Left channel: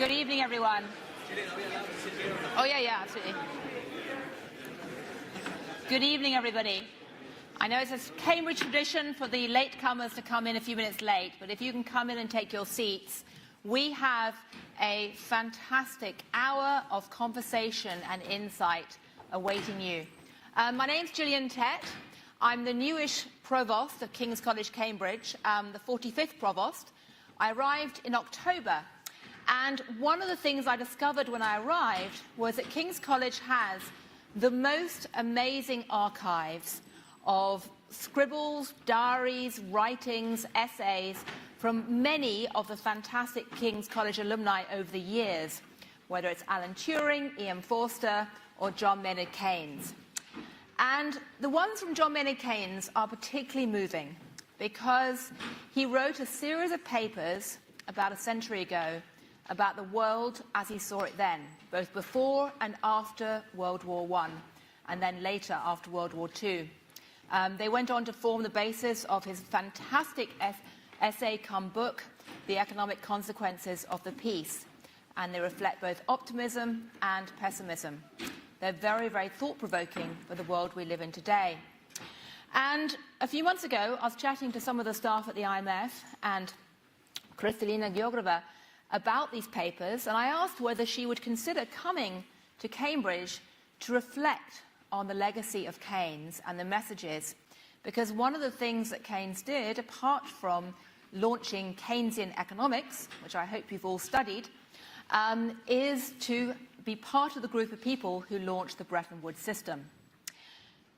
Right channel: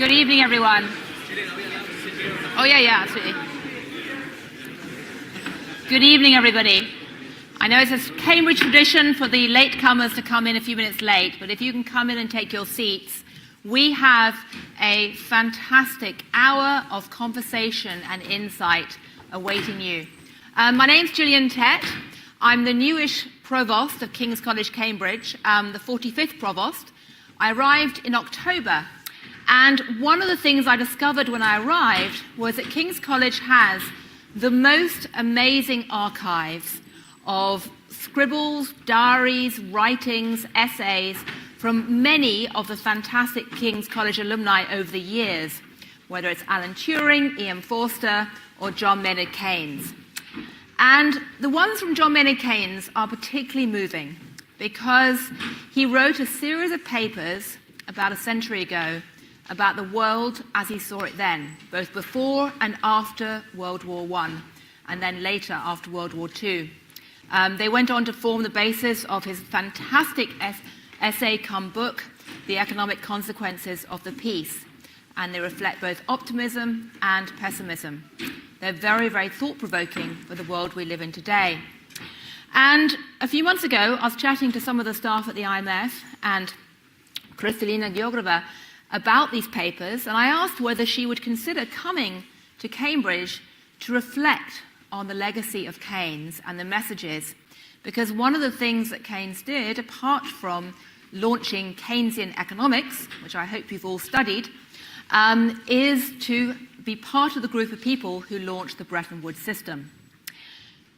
Good evening, everyone. Oh, yeah, absolutely. Good evening, everybody. I know it's a Cambridge tradition for the latecomers to come in a few minutes late, but if you can come in and take your seats, we have a fantastic hour of conversation and insight awaiting you. My name's Gillian Tett. I'm the newish Provost of King's College, Cambridge, the 45th Provost. I arrived in October, and one of the things I discovered when I arrived was that King's College has the most amazing archives of scribbles, diaries, writings, essays from many of the fantastic King's College alumni over the years, whether it's Alan Turing, E.M. Forster, or John Maynard Keynes. And the ones from John Maynard Keynes are particularly moving because he wrote a series of papers about a century ago about the world as he saw it then, both before and after World War I, and then later after World War II. They went on to form the basis of his fantastic essay cum book, The Economic Consequences of the Peace, and they reflect both optimism and pessimism. They're very, very thought-provoking for the world we live in today. And a few months ago, I was chatting to some of the staff at the IMF and Kristalina Georgieva about these papers, and I asked whether she would consider coming to Cambridge to reflect on the legacy of Keynes and the messages, because one of the things that Keynes did, apart from launching Keynesian economics, which I hope you've all studied, is to be part of the group of people who launched the Bretton Woods system.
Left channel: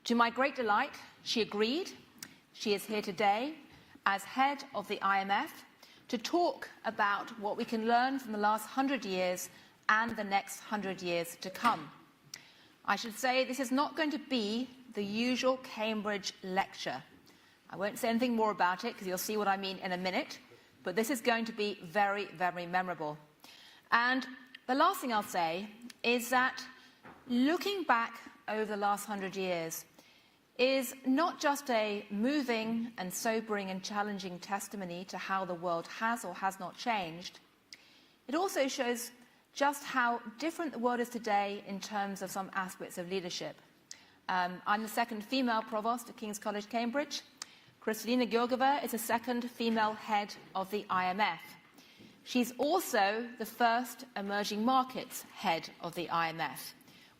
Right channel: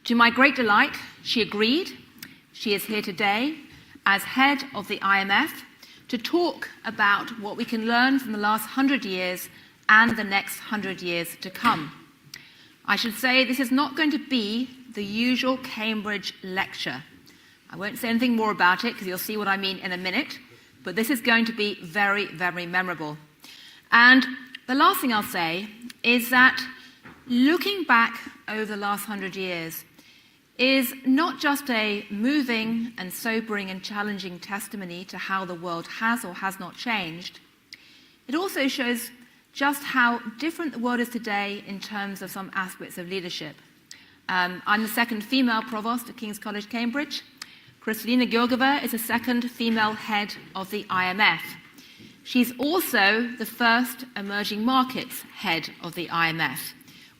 To my great delight, she agreed. She is here today as head of the IMF to talk about what we can learn from the last 100 years and the next 100 years to come. I should say this is not going to be the usual Cambridge lecture. I won't say anything more about it because you'll see what I mean in a minute, but this is going to be very, very memorable. And the last thing I'll say is that looking back over the last 100 years is not just a moving and sobering and challenging testimony to how the world has or has not changed. It also shows just how different the world is today in terms of some aspects of leadership. I'm the second female provost at King's College, Cambridge. Kristalina Georgieva is the second female head of the IMF. She's also the first emerging markets head of the IMF,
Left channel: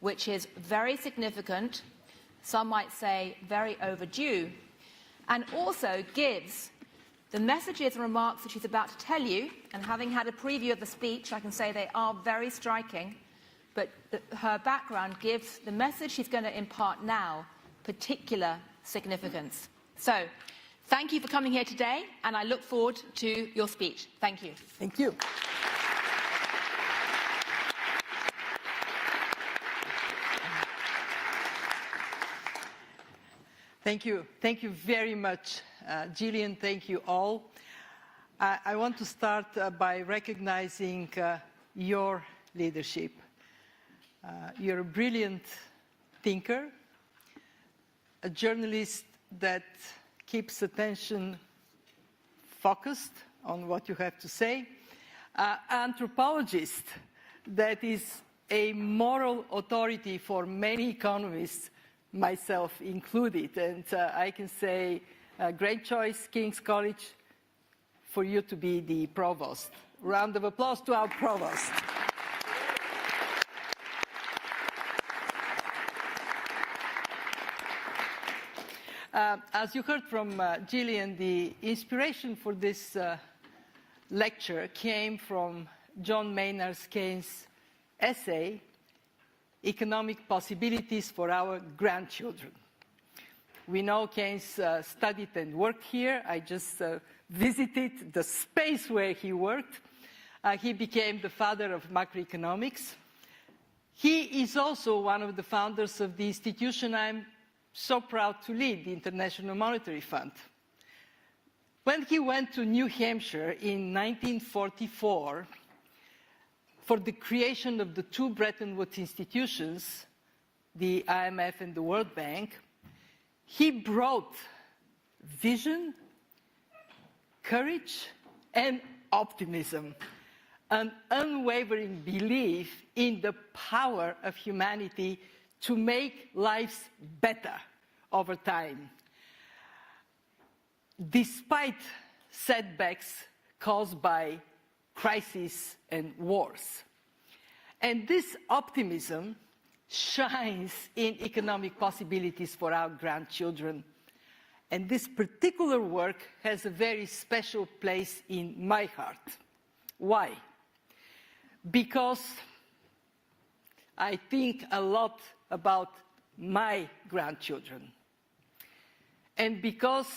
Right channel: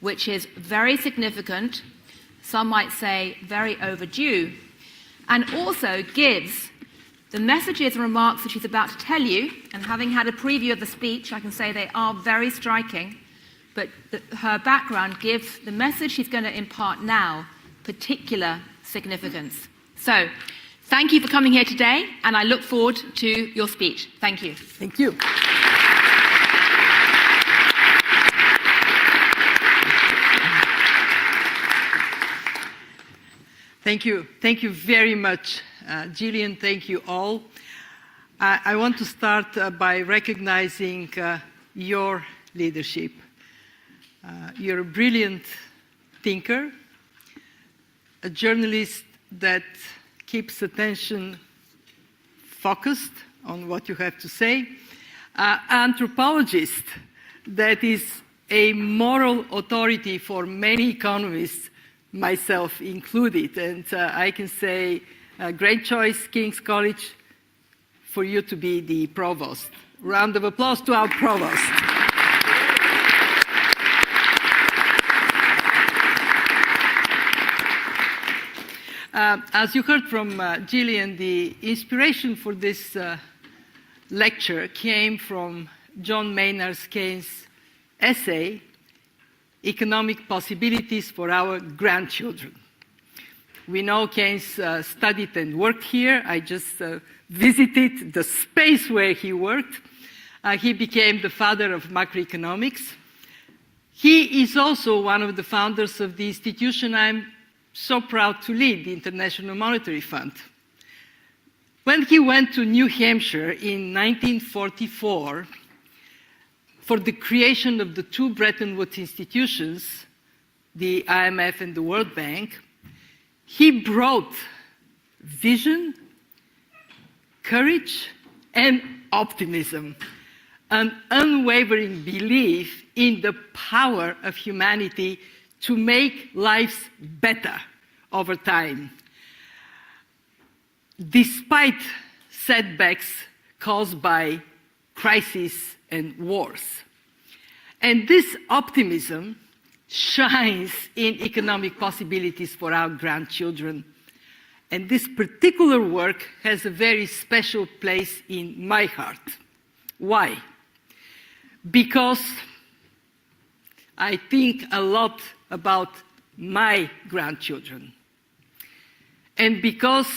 which is very significant, some might say very overdue, and also gives the messages and remarks that she's about to tell you, and having had a preview of the speech, I can say they are very striking, but her background gives the message she's going to impart now particular significance. So, thank you for coming here today, and I look forward to your speech. Thank you. Thank you. Thank you. Thank you very much, Gillian. Thank you all. I want to start by recognizing your leadership. You're a brilliant thinker, a journalist that keeps attention focused on what you have to say, anthropologist that is a moral authority for many economists, myself included. And I can say, great choice, King's College, for you to be the provost. Round of applause to our provost. As you heard from Gillian, the inspiration for this lecture came from John Maynard Keynes' essay, Economic Possibilities for Our Grandchildren. We know Keynes studied and worked here. I just visited the space where he worked. He became the father of macroeconomics. He is also one of the founders of the institution I'm so proud to lead, the International Monetary Fund. When he went to New Hampshire in 1944 for the creation of the two Bretton Woods institutions, the IMF and the World Bank, he brought vision, courage, and optimism. an unwavering belief in the power of humanity to make lives better over time, despite setbacks caused by crises and wars. And this optimism shines in economic possibilities for our grandchildren. And this particular work has a very special place in my heart. Why? Because I think a lot about my grandchildren. And because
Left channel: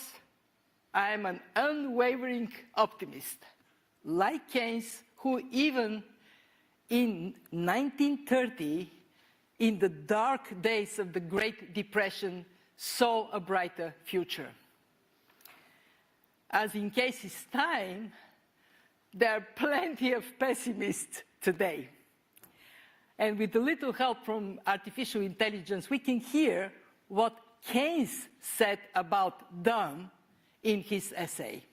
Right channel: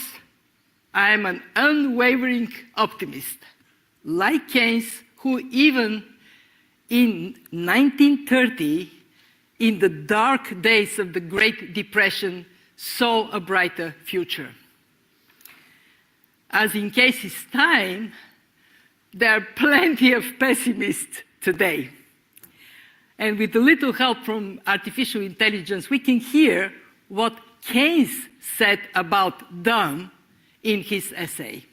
I am an unwavering optimist, like Keynes, who even in 1930, in the dark days of the Great Depression, saw a brighter future. As in Keynes' time, there are plenty of pessimists today. And with a little help from artificial intelligence, we can hear what Keynes said about them in his essay.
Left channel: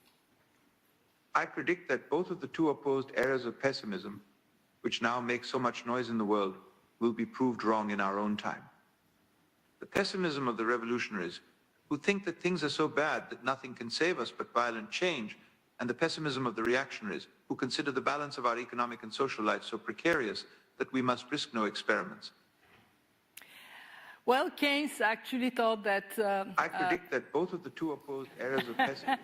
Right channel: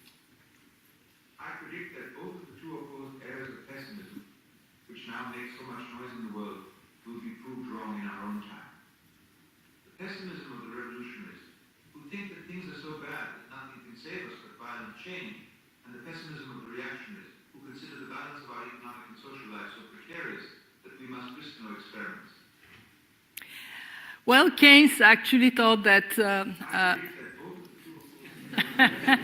I predict that both of the two opposed eras of pessimism, which now make so much noise in the world, will be proved wrong in our own time. The pessimism of the revolutionaries, who think that things are so bad that nothing can save us but violent change, and the pessimism of the reactionaries, who consider the balance of our economic and social life so precarious that we must risk no experiments. Well, Keynes actually thought that... I predict that both of the two opposed eras of pessimism...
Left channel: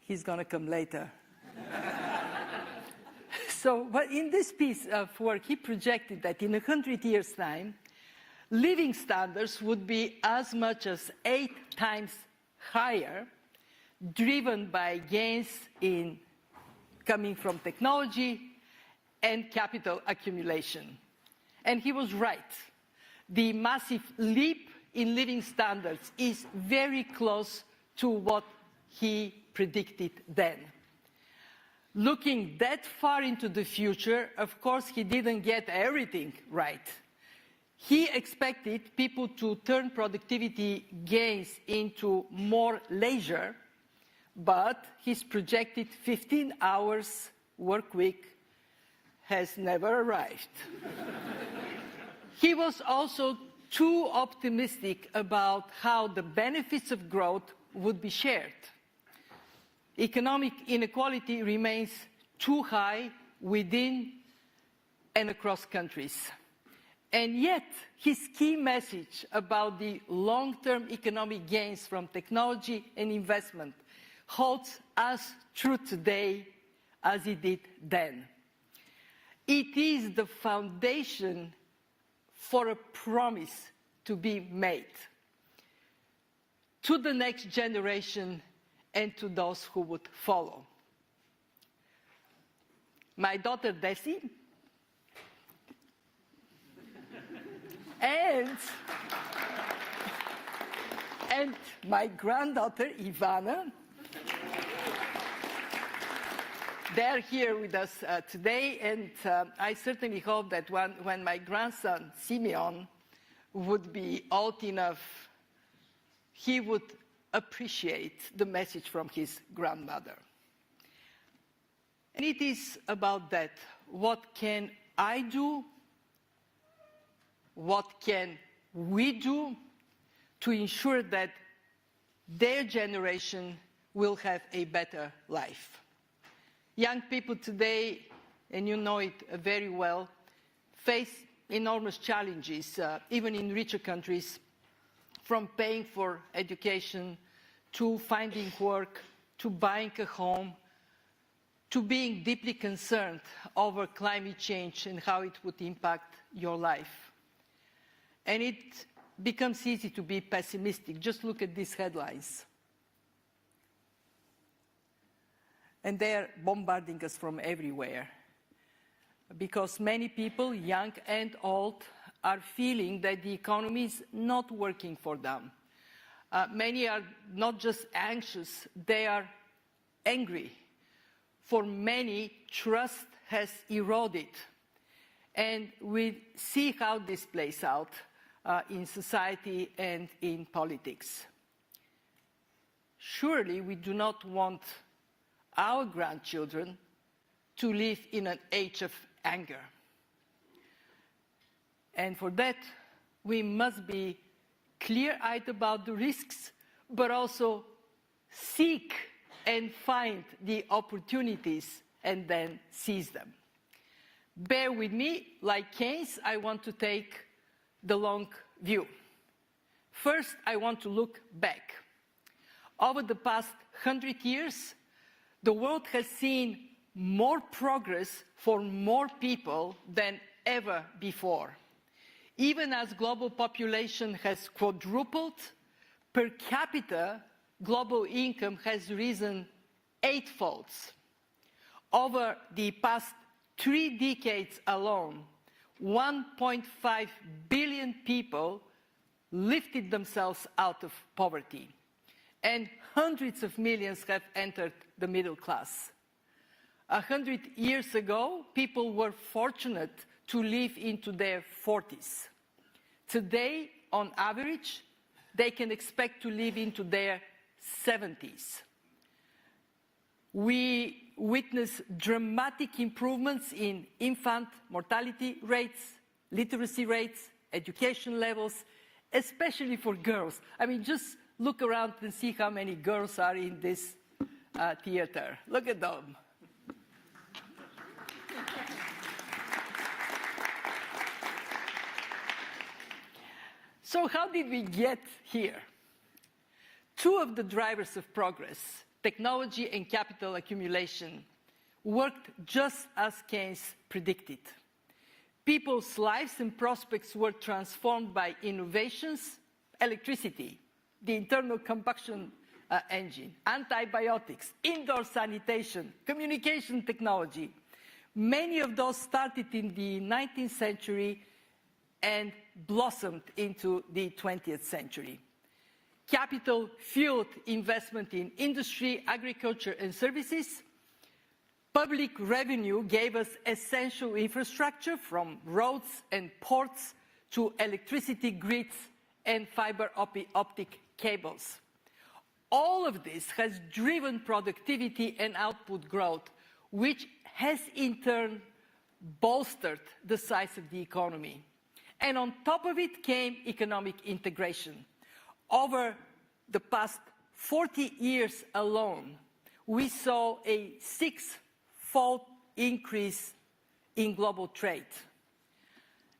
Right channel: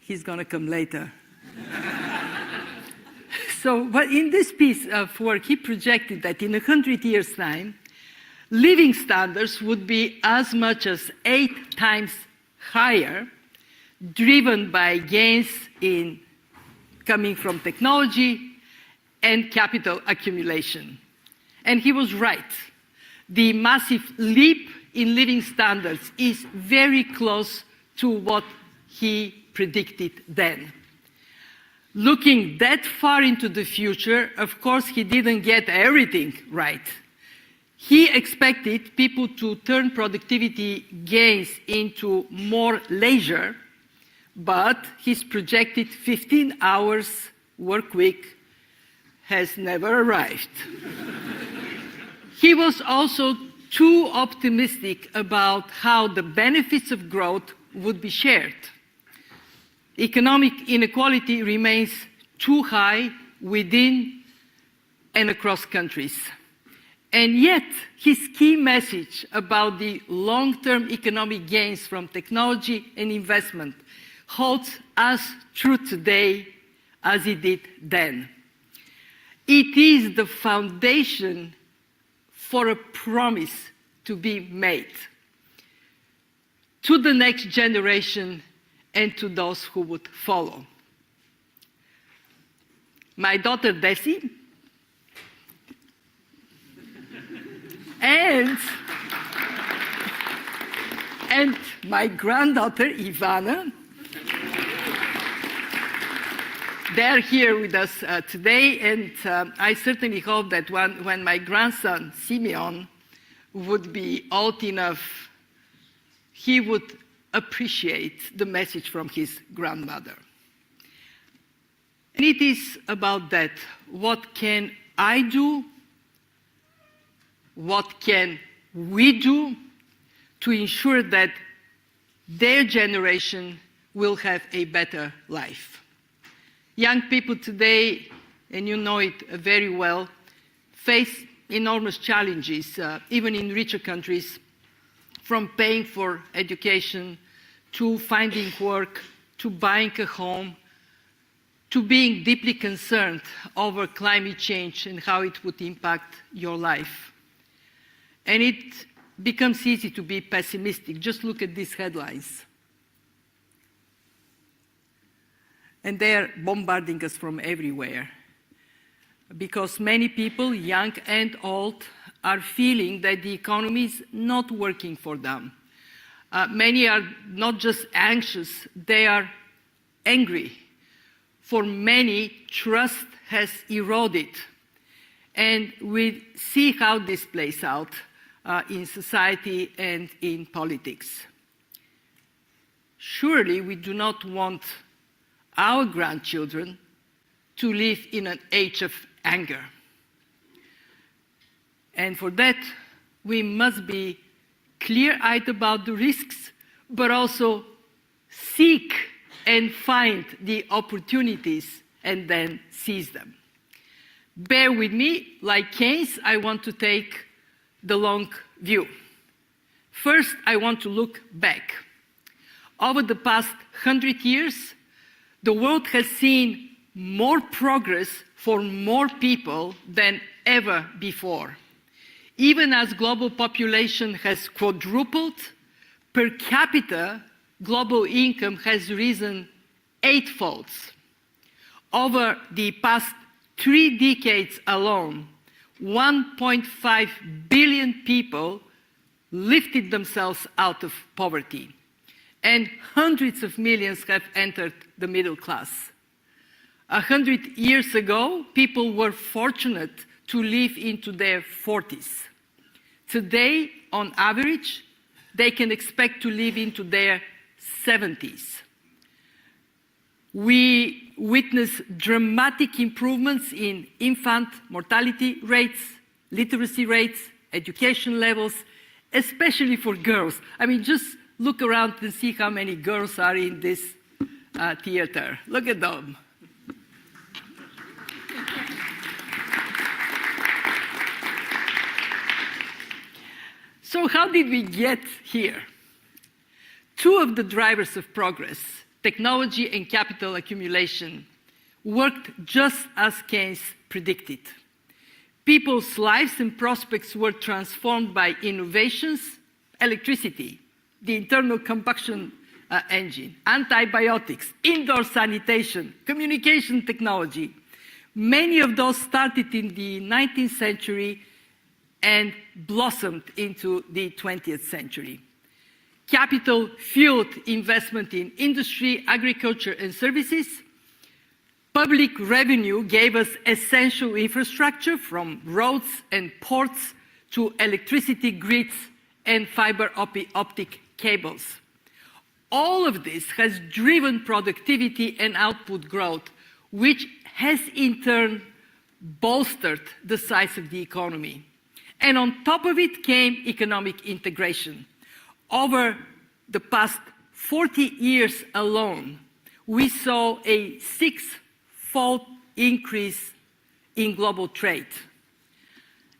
He's going to come later. So, but in this piece of work, he projected that in 100 years' time, living standards would be as much as 8 times higher, driven by gains in coming from technology and capital accumulation. And he was right. The massive leap in living standards is very close to what he predicted then. Looking that far into the future, of course, he didn't get everything right. He expected people to turn productivity gains into more leisure, but his projected 15 hours work week has never arrived. He was also too optimistic about how the benefits of growth would be shared. Economic inequality remains too high within and across countries. And yet, his key message about the long-term economic gains from technology and investment holds as true today as it did then. It is the foundation for a promise to be made to the next generation and to those who would follow. My daughter Desi and my granddaughter Ivana, they're here with us today, and I certainly hope that when my grandson Simeon would be old enough, he would appreciate the message from his grandmother. And it is about that. What can I do? What can we do to ensure that their generation will have a better life? Young people today, and you know it very well, face enormous challenges, even in richer countries, from paying for education, to finding work, to buying a home, to being deeply concerned over climate change and how it would impact your life. And it becomes easy to be pessimistic. Just look at these headlines. And they're bombarding us from everywhere, because many people, young and old, are feeling that the economy is not working for them. Many are not just anxious, they are angry. For many, trust has eroded. And we see how this plays out in society and in politics. Surely we do not want our grandchildren to live in an age of anger. And for that, we must be clear-eyed about the risks, but also seek and find the opportunities and then seize them. Bear with me, like Keynes, I want to take the long view. First, I want to look back. Over the past 100 years, the world has seen more progress for more people than ever before. Even as global population has quadrupled, per capita, global income has risen 8-fold. Over the past 3 decades alone, 1.5 billion people lifted themselves out of poverty, and hundreds of millions have entered the middle class. 100 years ago, people were fortunate to live into their 40s. Today, on average, they can expect to live into their 70s. We witness dramatic improvements in infant mortality rates, literacy rates, education levels, especially for girls. I mean, just look around and see how many girls are in this theater. Look at them. So how did we get here? 2 of the drivers of progress, technology and capital accumulation, worked just as Keynes predicted. People's lives and prospects were transformed by innovations, electricity, the internal combustion engine, antibiotics, indoor sanitation, communication technology. Many of those started in the 19th century and blossomed into the 20th century. Capital fueled investment in industry, agriculture, and services. Public revenue gave us essential infrastructure from roads and ports to electricity grids and fiber optic cables. All of this has driven productivity and output growth, which has in turn bolstered the size of the economy. And on top of it came economic integration. Over the past 40 years alone, we saw a 6-fold increase in global trade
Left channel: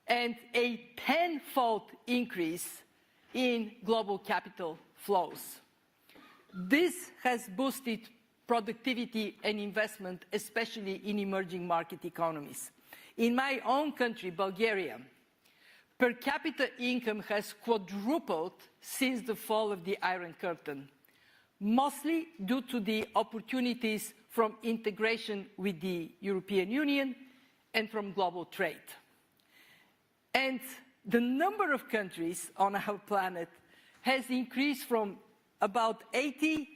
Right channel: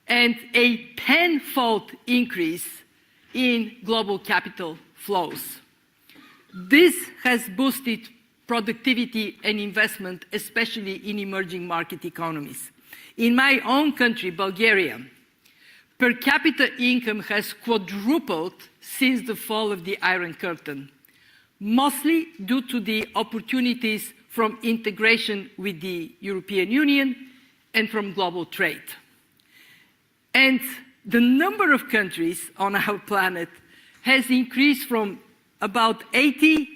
and a 10-fold increase in global capital flows. This has boosted productivity and investment, especially in emerging market economies. In my own country, Bulgaria, per capita income has quadrupled since the fall of the Iron Curtain, mostly due to the opportunities from integration with the European Union and from global trade. And the number of countries on our planet has increased from about 80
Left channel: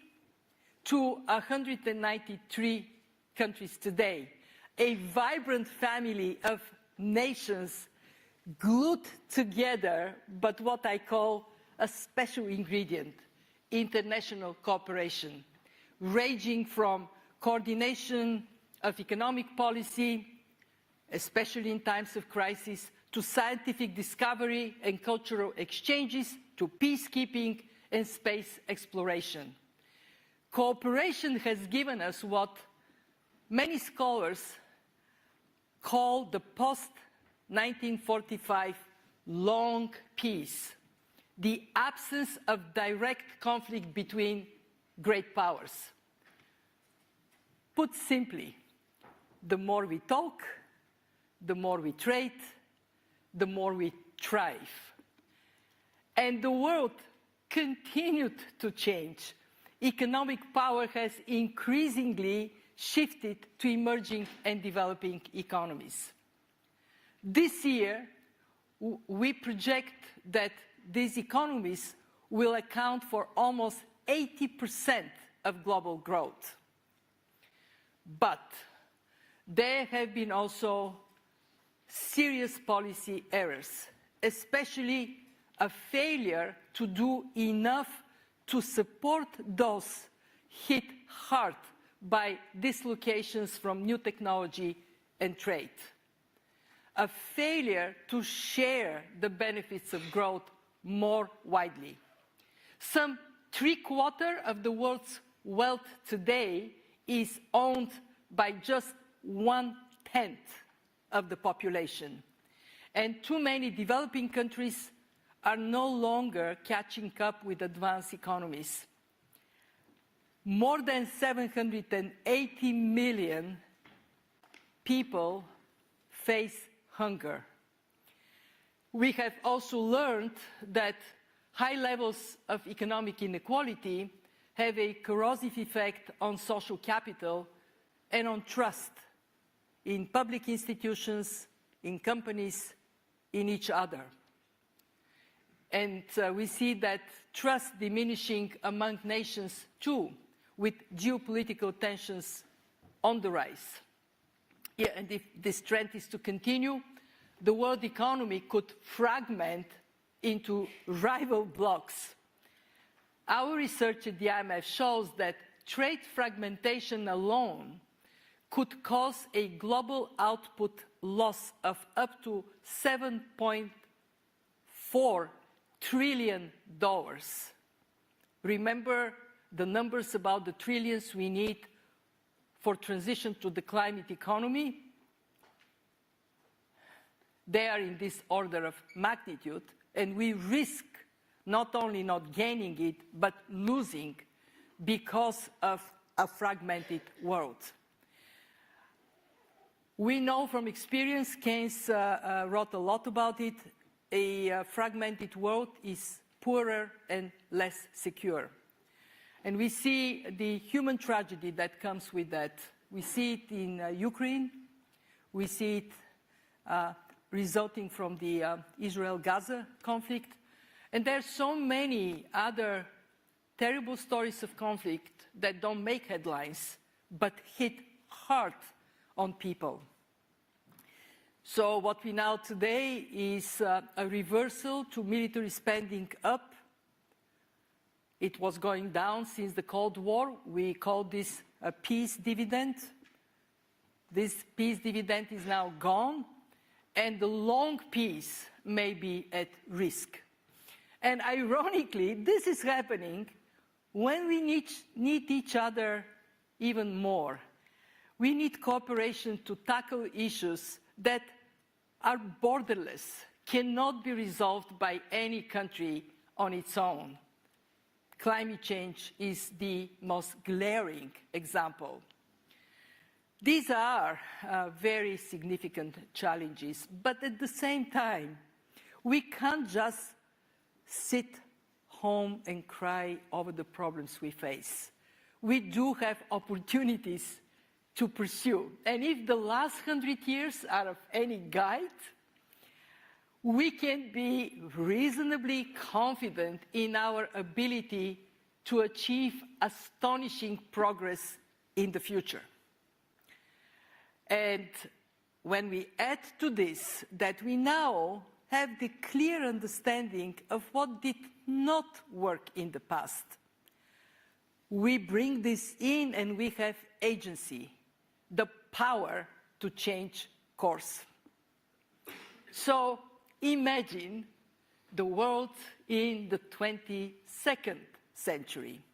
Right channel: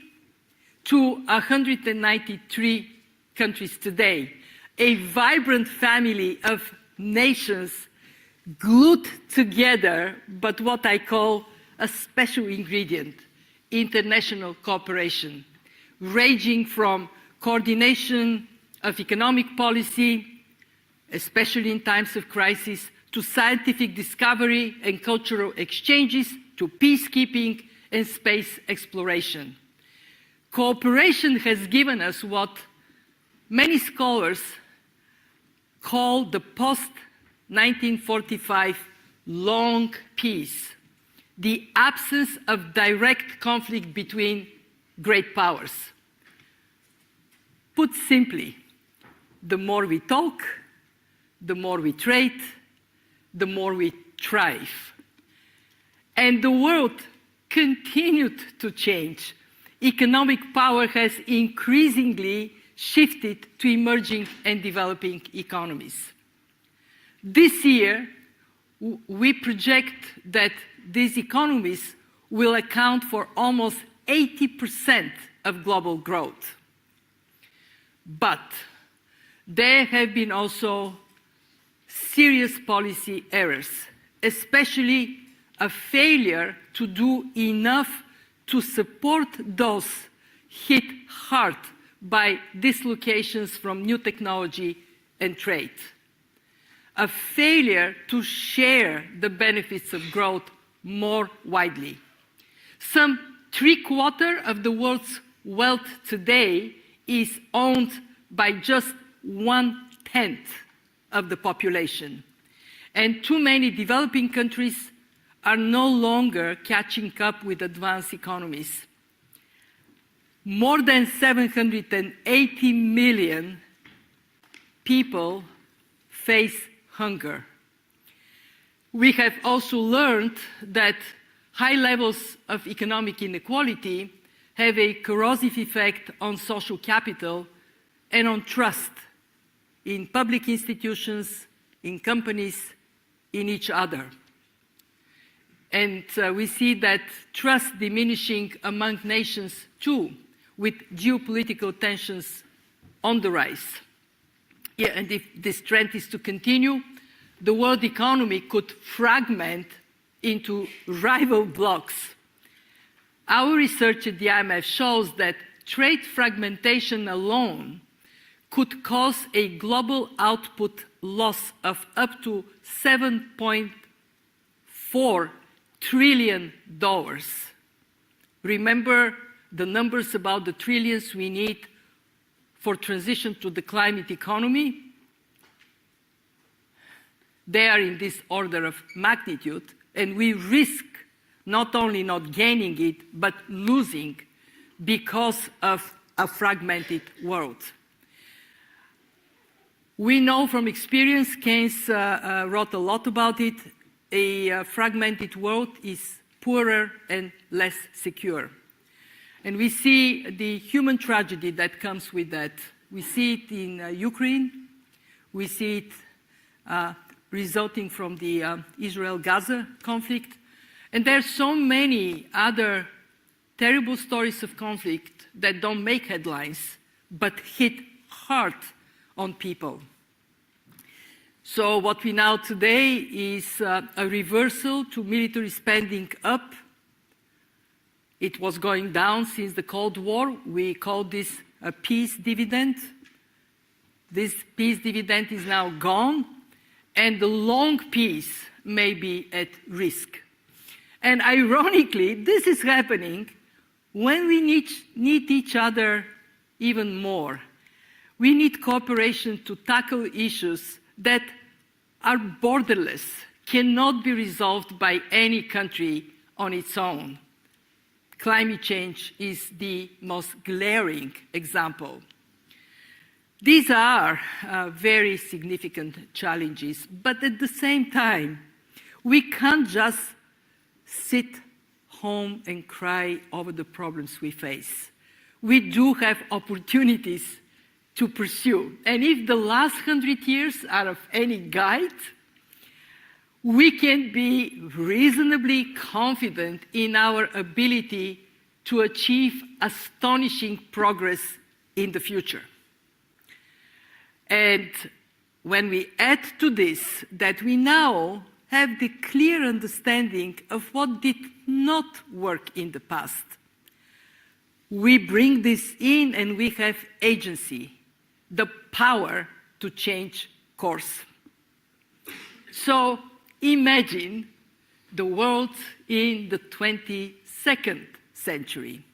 to 193 countries today, a vibrant family of nations glued together, but what I call a special ingredient, international cooperation, ranging from coordination of economic policy, especially in times of crisis, to scientific discovery and cultural exchanges, to peacekeeping and space exploration. Cooperation has given us what many scholars call the post-1945 long peace, the absence of direct conflict between great powers. Put simply, the more we talk, the more we trade, the more we thrive. And the world continued to change. Economic power has increasingly shifted to emerging and developing economies. This year, we project that these economies will account for almost 80% of global growth. But there have been also serious policy errors, especially a failure to do enough to support those hit hard by dislocations from new technology and trade. A failure to share the benefits of growth more widely. Some 3/4 of the world's wealth today is owned by just 1/10 of the population. And too many developing countries are no longer catching up with advanced economies. More than 780 million people face hunger. We have also learned that high levels of economic inequality have a corrosive effect on social capital and on trust in public institutions, in companies, in each other. And we see that trust diminishing among nations too, with geopolitical tensions on the rise. Yeah, and if this trend is to continue, the world economy could fragment into rival blocs. Our research at the IMF shows that trade fragmentation alone could cause a global output loss of up to $7.4 trillion. Remember the numbers about the trillions we need for transition to the climate economy? They are in this order of magnitude, and we risk not only not gaining it, but losing because of a fragmented world. We know from experience, Keynes wrote a lot about it, a fragmented world is poorer and less secure. And we see the human tragedy that comes with that. We see it in Ukraine. We see it resulting from the Israel-Gaza conflict. And there are so many other terrible stories of conflict that don't make headlines, but hit hard on people. So what we know today is a reversal to military spending up. It was going down since the Cold War. We call this a peace dividend. This peace dividend is now gone, and the long peace may be at risk. And ironically, this is happening when we need each other even more. We need cooperation to tackle issues that are borderless, cannot be resolved by any country on its own. Climate change is the most glaring example. These are very significant challenges, but at the same time, we can't just sit home and cry over the problems we face. We do have opportunities to pursue. And if the last 100 years are of any guide, we can be reasonably confident in our ability to achieve astonishing progress in the future. And when we add to this that we now have the clear understanding of what did not work in the past, we bring this in and we have agency, the power to change course. So imagine the world in the 22nd century,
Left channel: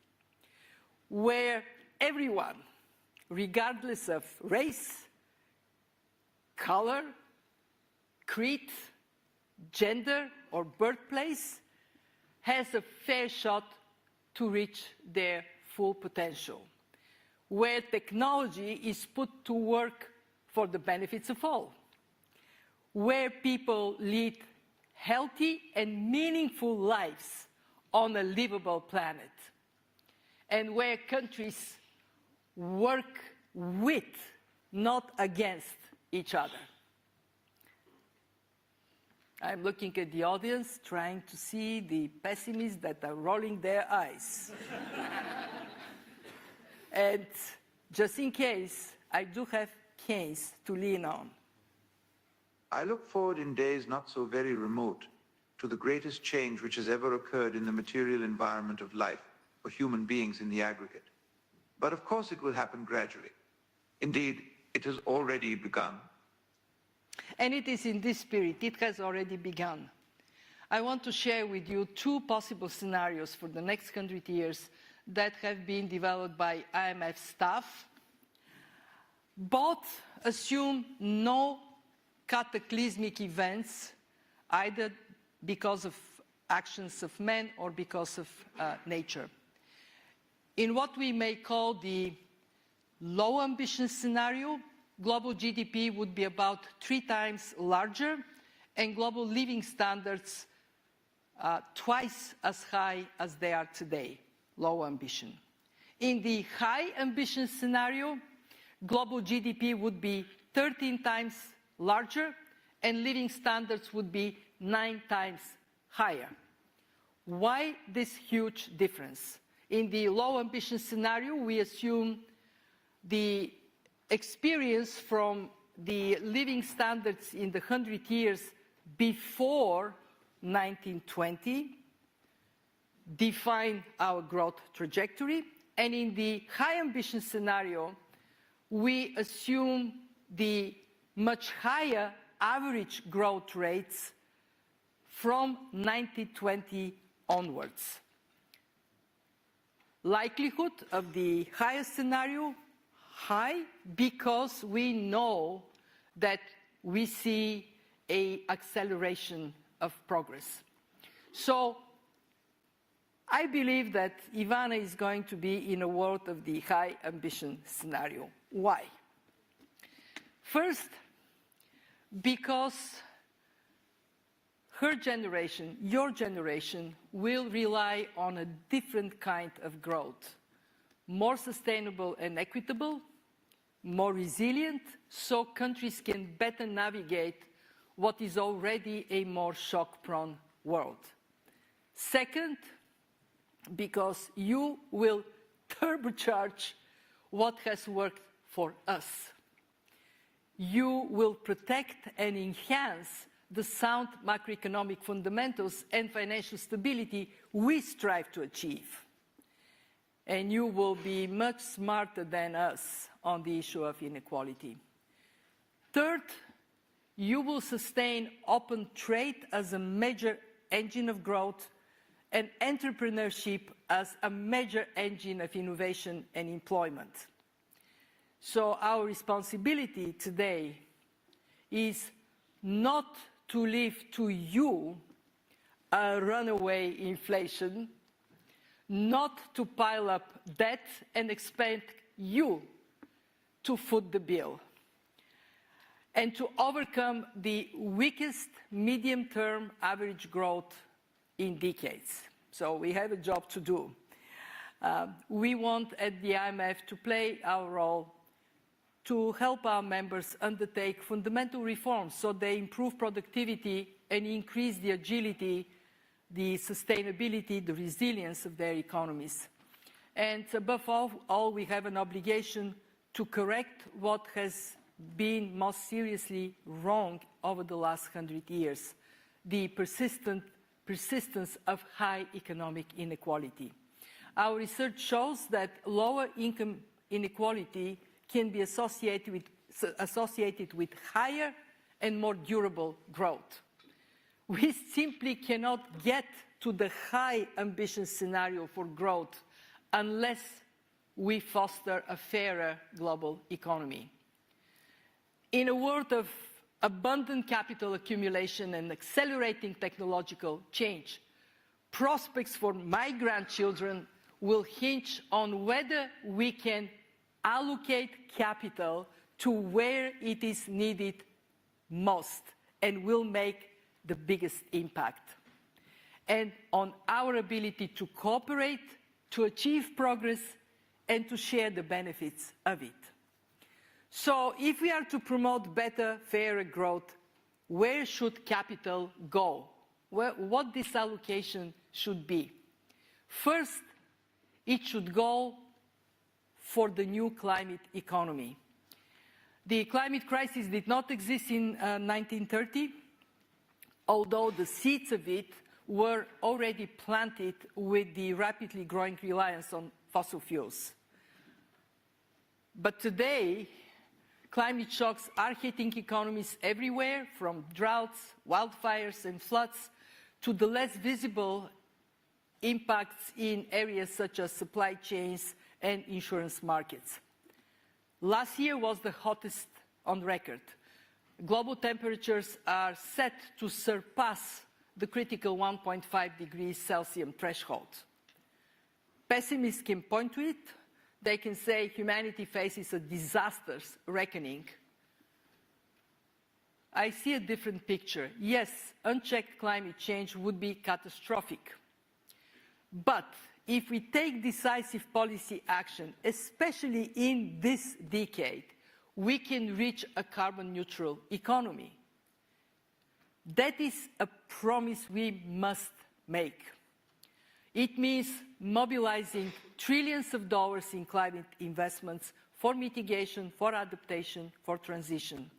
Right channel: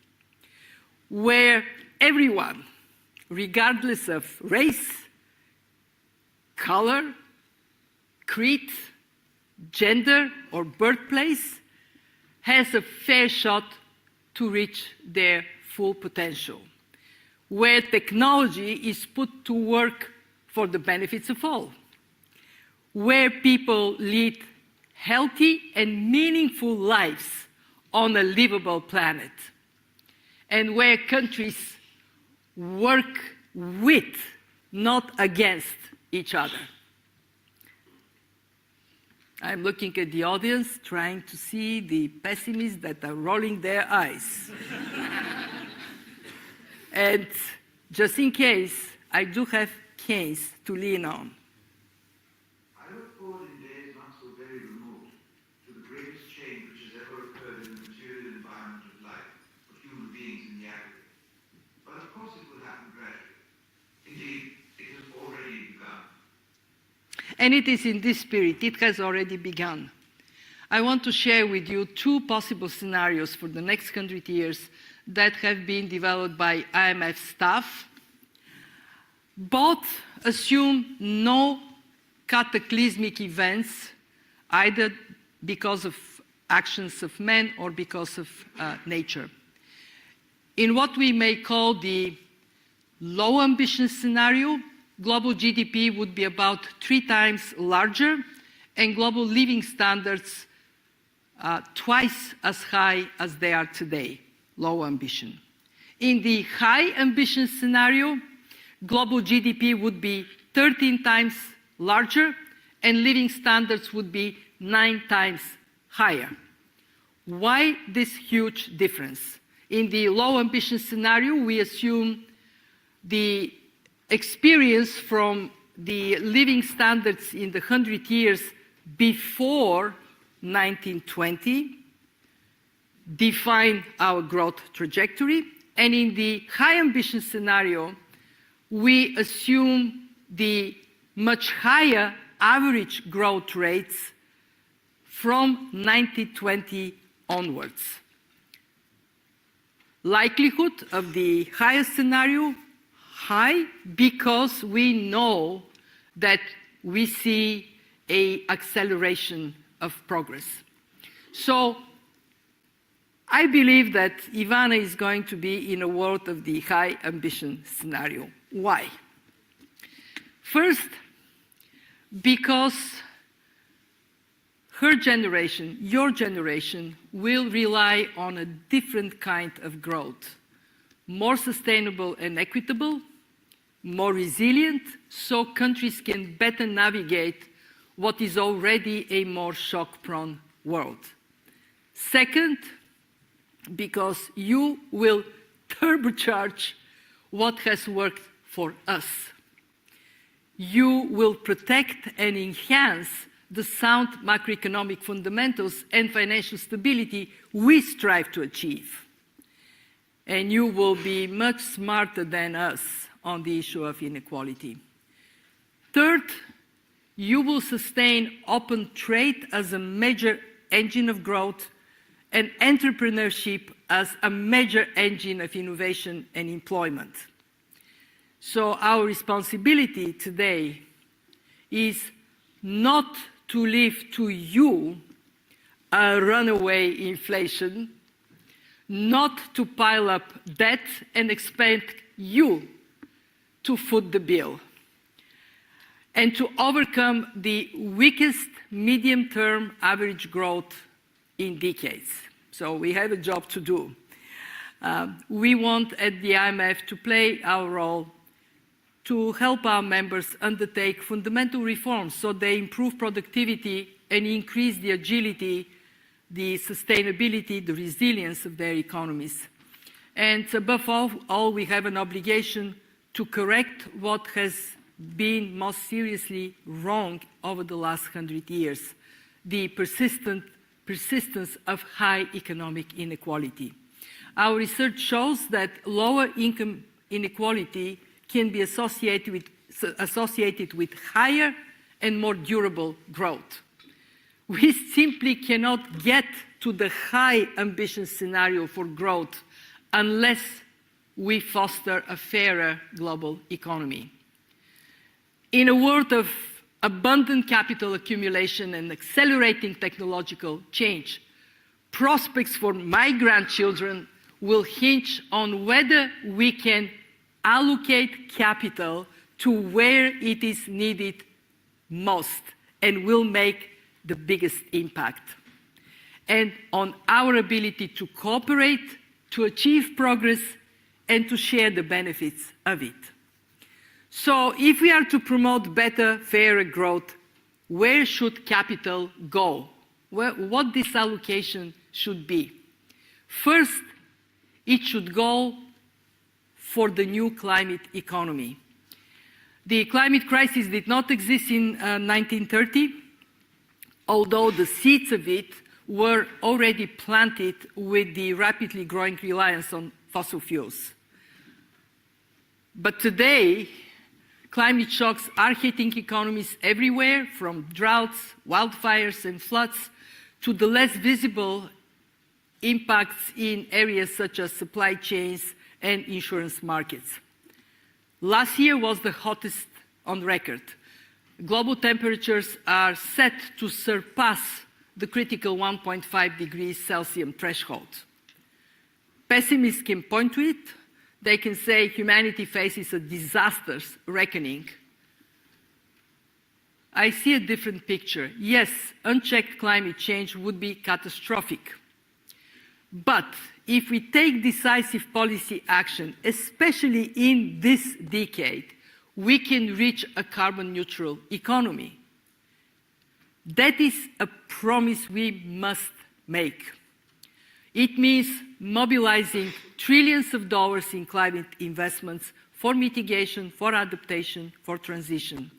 where everyone, regardless of race, color, creed, gender, or birthplace, has a fair shot to reach their full potential, where technology is put to work for the benefits of all, where people lead healthy and meaningful lives on a livable planet, and where countries work with, not against, each other. I'm looking at the audience, trying to see the pessimists that are rolling their eyes. And just in case, I do have Keynes to lean on. I look forward in days not so very remote to the greatest change which has ever occurred in the material environment of life for human beings in the aggregate. But of course it will happen gradually. Indeed, it has already begun. And it is in this spirit, it has already begun. I want to share with you two possible scenarios for the next 100 years that have been developed by IMF staff. Both assume no cataclysmic events, either because of actions of men or because of nature. In what we may call the low ambition scenario, global GDP would be about 3 times larger and global living standards twice as high as they are today, low ambition. In the high ambition scenario, global GDP would be 13 times larger and living standards would be 9 times higher. Why this huge difference? In the low ambition scenario, we assume the experience from the living standards in the 100 years before 1920 define our growth trajectory. And in the high ambition scenario, we assume the much higher average growth rates from 1920 onwards. Likelihood of the highest scenario, high, because we know that we see an acceleration of progress. So I believe that Ivana is going to be in a world of the high ambition scenario. Why? First, because her generation, your generation, will rely on a different kind of growth, more sustainable and equitable, more resilient, so countries can better navigate what is already a more shock-prone world. Second, because you will turbocharge what has worked for us. You will protect and enhance the sound macroeconomic fundamentals and financial stability we strive to achieve. And you will be much smarter than us on the issue of inequality. Third, you will sustain open trade as a major engine of growth and entrepreneurship as a major engine of innovation and employment. So our responsibility today is not to leave to you a runaway inflation, not to pile up debt and expect you to foot the bill, and to overcome the weakest medium-term average growth in decades. So we have a job to do. We want at the IMF to play our role to help our members undertake fundamental reforms so they improve productivity and increase the agility, the sustainability, the resilience of their economies. And above all, we have an obligation to correct what has been most seriously wrong over the last 100 years, the persistence of high economic inequality. Our research shows that lower income inequality can be associated with higher and more durable growth. We simply cannot get to the high ambition scenario for growth unless we foster a fairer global economy. In a world of abundant capital accumulation and accelerating technological change, prospects for my grandchildren will hinge on whether we can allocate capital to where it is needed most and will make the biggest impact, and on our ability to cooperate, to achieve progress, and to share the benefits of it. So if we are to promote better, fairer growth, where should capital go? What this allocation should be? First, it should go for the new climate economy. The climate crisis did not exist in 1930, although the seeds of it were already planted with the rapidly growing reliance on fossil fuels. But today, climate shocks are hitting economies everywhere, from droughts, wildfires, and floods, to the less visible impacts in areas such as supply chains and insurance markets. Last year was the hottest on record. Global temperatures are set to surpass the critical 1.5 degrees Celsius threshold. Pessimists can point to it. They can say humanity faces a disastrous reckoning. I see a different picture. Yes, unchecked climate change would be catastrophic. But if we take decisive policy action, especially in this decade, we can reach a carbon neutral economy. That is a promise we must make. It means mobilizing trillions of dollars in climate investments for mitigation, for adaptation, for transition.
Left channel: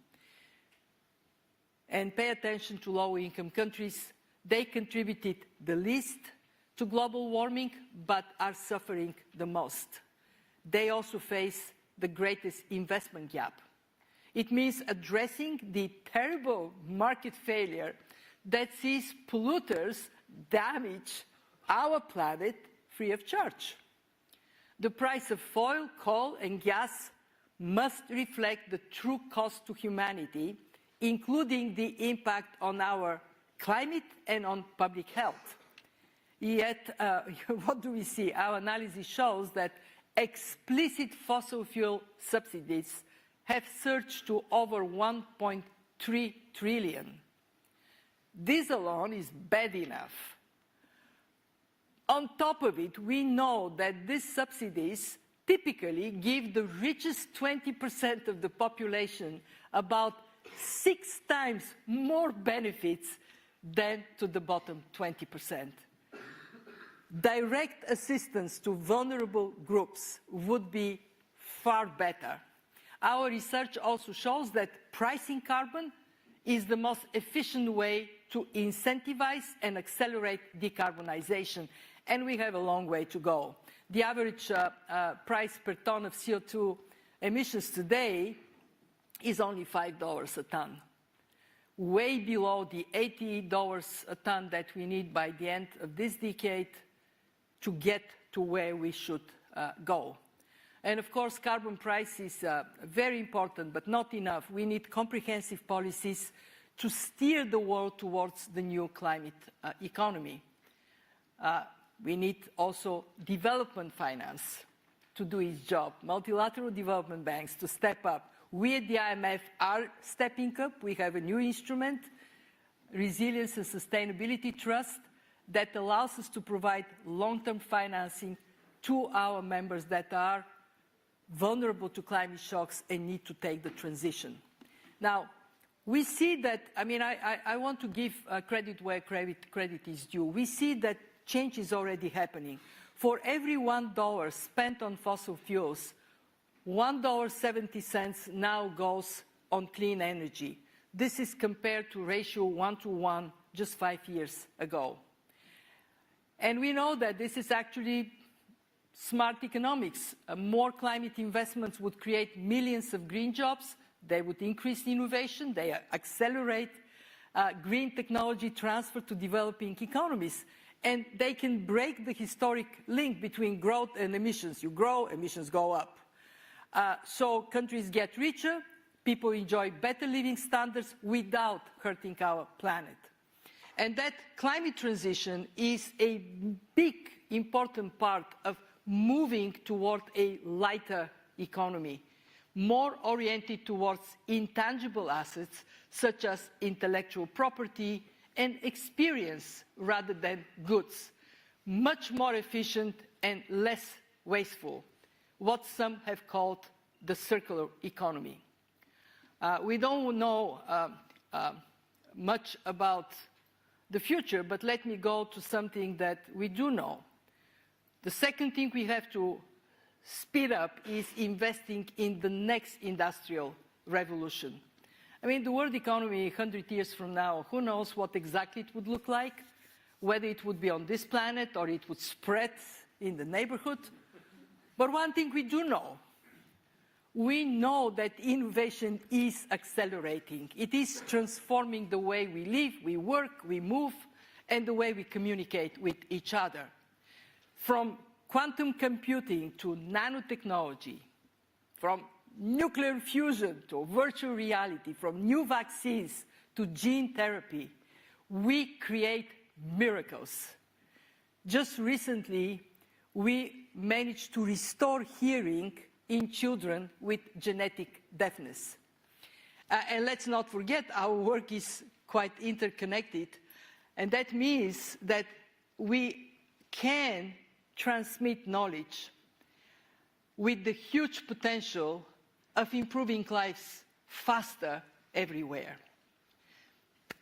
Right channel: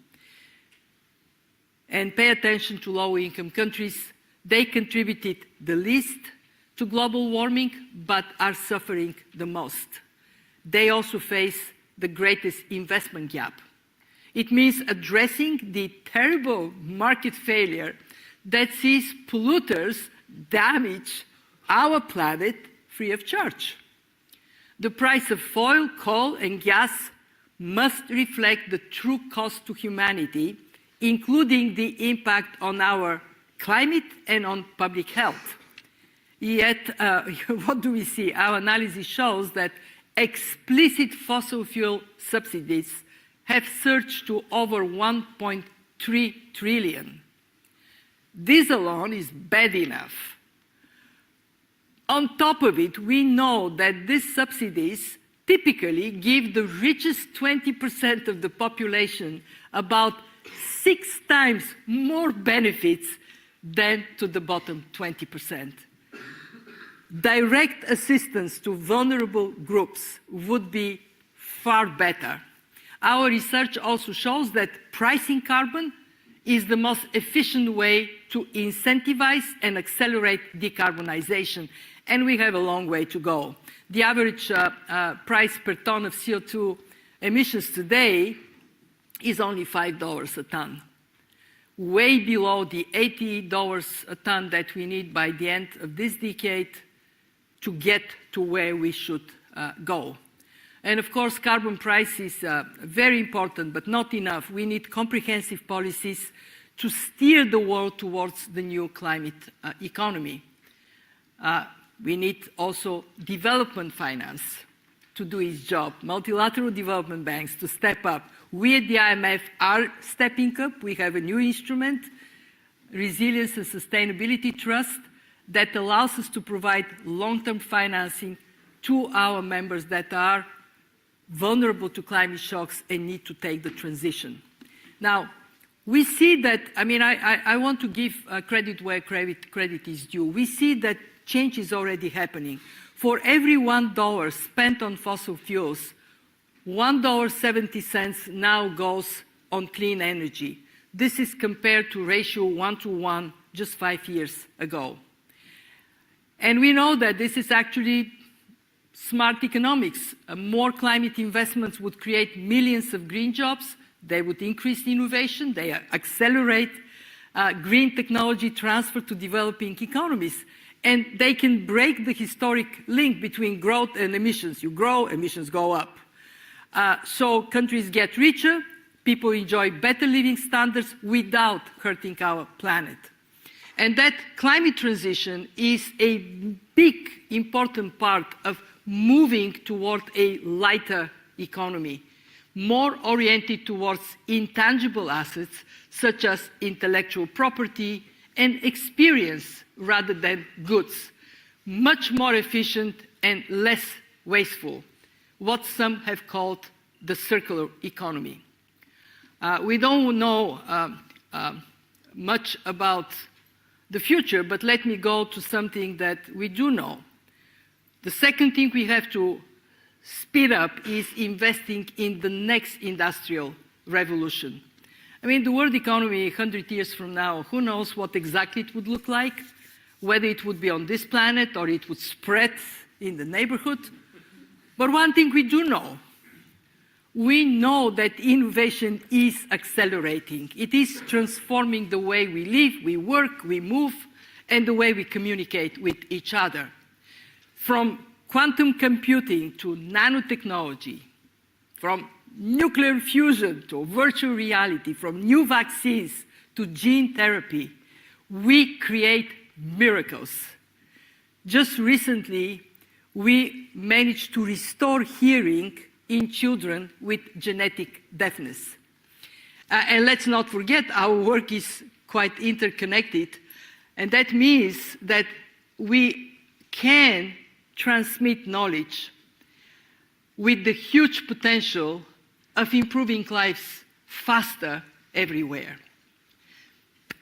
And pay attention to low-income countries. They contributed the least to global warming, but are suffering the most. They also face the greatest investment gap. It means addressing the terrible market failure that sees polluters damage our planet free of charge. The price of oil, coal, and gas must reflect the true cost to humanity, including the impact on our climate and on public health. Yet, what do we see? Our analysis shows that explicit fossil fuel subsidies have surged to over 1.3 trillion. This alone is bad enough. On top of it, we know that these subsidies typically give the richest 20% of the population about 6 times more benefits than to the bottom 20%. Direct assistance to vulnerable groups would be far better. Our research also shows that pricing carbon is the most efficient way to incentivize and accelerate decarbonization, and we have a long way to go. The average price per ton of CO2 emissions today is only $5 a ton, way below the $80 a ton that we need by the end of this decade to get to where we should go. And of course, carbon price is very important, but not enough. We need comprehensive policies to steer the world towards the new climate economy. We need also development finance to do its job, multilateral development banks to step up. We at the IMF are stepping up. We have a new instrument, Resilience and Sustainability Trust, that allows us to provide long-term financing to our members that are vulnerable to climate shocks and need to take the transition. Now, we see that, I want to give credit where credit is due. We see that change is already happening. For every $1 spent on fossil fuels, $1.70 now goes on clean energy. This is compared to ratio 1-to-1 just 5 years ago. And we know that this is actually smart economics. More climate investments would create millions of green jobs. They would increase innovation. They accelerate green technology transfer to developing economies. And they can break the historic link between growth and emissions. You grow, emissions go up. So countries get richer, people enjoy better living standards without hurting our planet. And that climate transition is a big, important part of moving toward a lighter economy, more oriented towards intangible assets such as intellectual property and experience rather than goods, much more efficient and less wasteful, what some have called the circular economy. We don't know much about the future, but let me go to something that we do know. The second thing we have to speed up is investing in the next industrial revolution. The world economy 100 years from now, who knows what exactly it would look like, whether it would be on this planet or it would spread in the neighborhood. But one thing we do know, we know that innovation is accelerating. It is transforming the way we live, we work, we move, and the way we communicate with each other. From quantum computing to nanotechnology, from nuclear fusion to virtual reality, from new vaccines to gene therapy, we create miracles. Just recently, we managed to restore hearing in children with genetic deafness. And let's not forget, our work is quite interconnected, and that means that we can transmit knowledge with the huge potential of improving lives faster everywhere.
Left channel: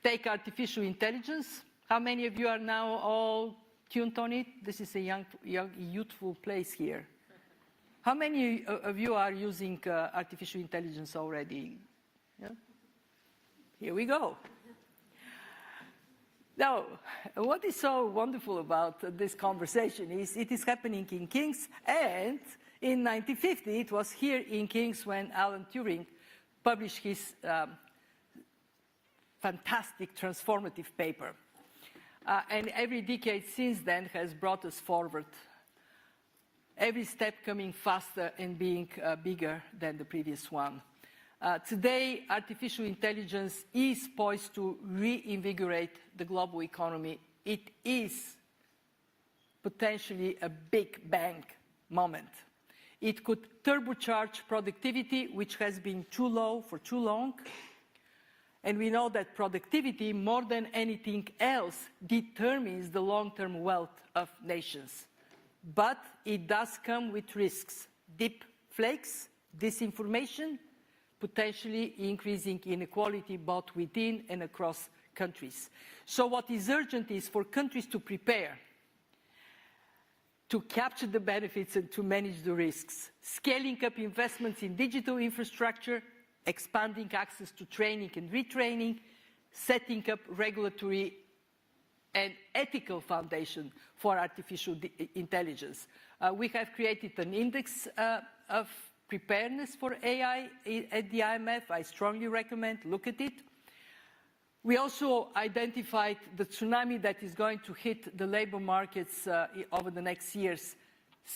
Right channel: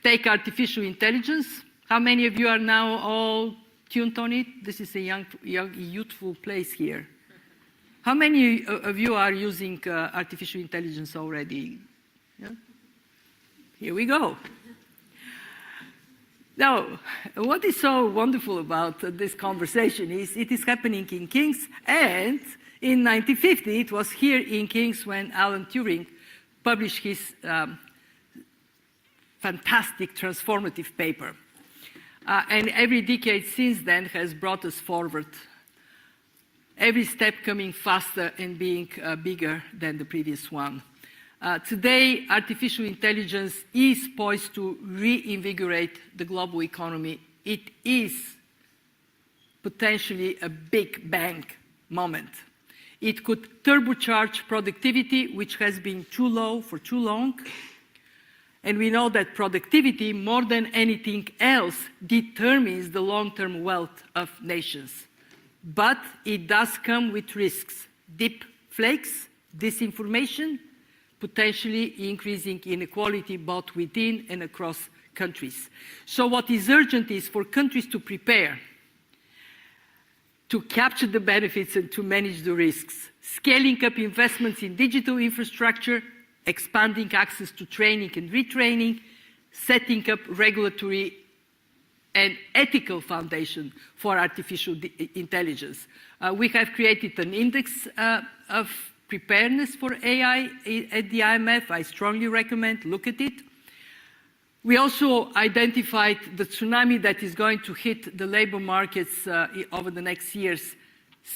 Take artificial intelligence. How many of you are now all tuned on it? This is a young youthful place here. How many of you are using artificial intelligence already? Yeah? Here we go. Now, what is so wonderful about this conversation is it is happening in Keynes, and in 1950, it was here in Keynes when Alan Turing published his fantastic transformative paper. And every decade since then has brought us forward, every step coming faster and being bigger than the previous one. Today, artificial intelligence is poised to reinvigorate the global economy. It is potentially a big bang moment. It could turbocharge productivity, which has been too low for too long. And we know that productivity, more than anything else, determines the long-term wealth of nations. But it does come with risks. Deep fakes, disinformation, potentially increasing inequality both within and across countries. So what is urgent is for countries to prepare, to capture the benefits and to manage the risks, scaling up investments in digital infrastructure, expanding access to training and retraining, setting up regulatory and ethical foundation for artificial intelligence. We have created an index of preparedness for AI at the IMF. I strongly recommend look at it. We also identified the tsunami that is going to hit the labor markets over the next years.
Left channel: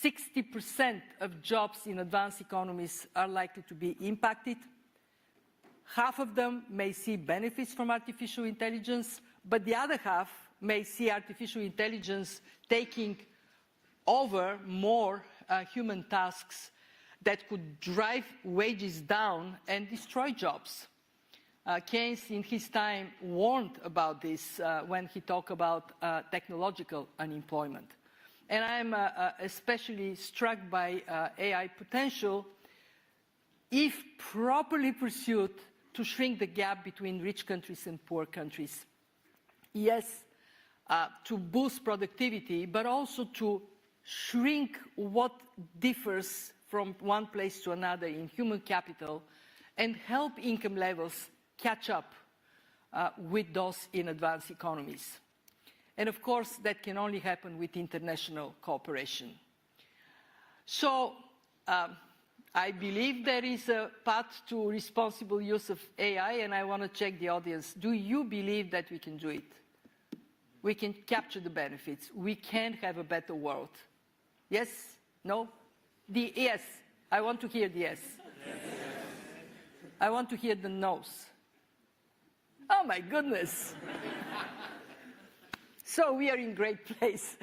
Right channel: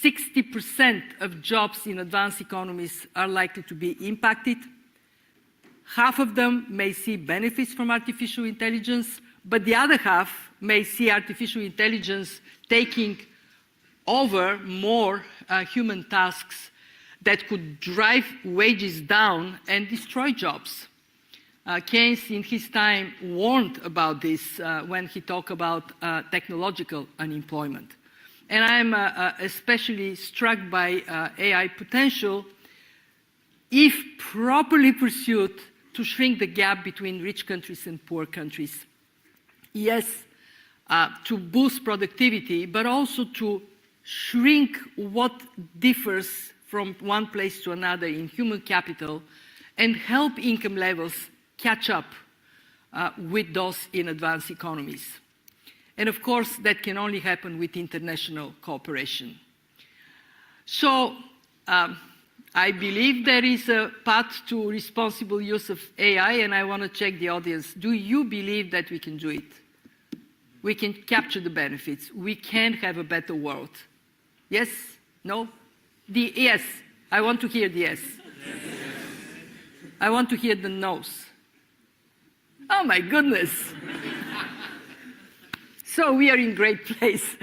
60% of jobs in advanced economies are likely to be impacted. Half of them may see benefits from artificial intelligence, but the other half may see artificial intelligence taking over more human tasks that could drive wages down and destroy jobs. Keynes, in his time, warned about this when he talked about technological unemployment. And I'm especially struck by AI potential, if properly pursued, to shrink the gap between rich countries and poor countries. Yes, to boost productivity, but also to shrink what differs from one place to another in human capital and help income levels catch up with those in advanced economies. And of course, that can only happen with international cooperation. So I believe there is a path to responsible use of AI, and I want to check the audience. Do you believe that we can do it? We can capture the benefits. We can have a better world. Yes? No? The yes. I want to hear the yes. I want to hear the no's. Oh my goodness. So we are in great place.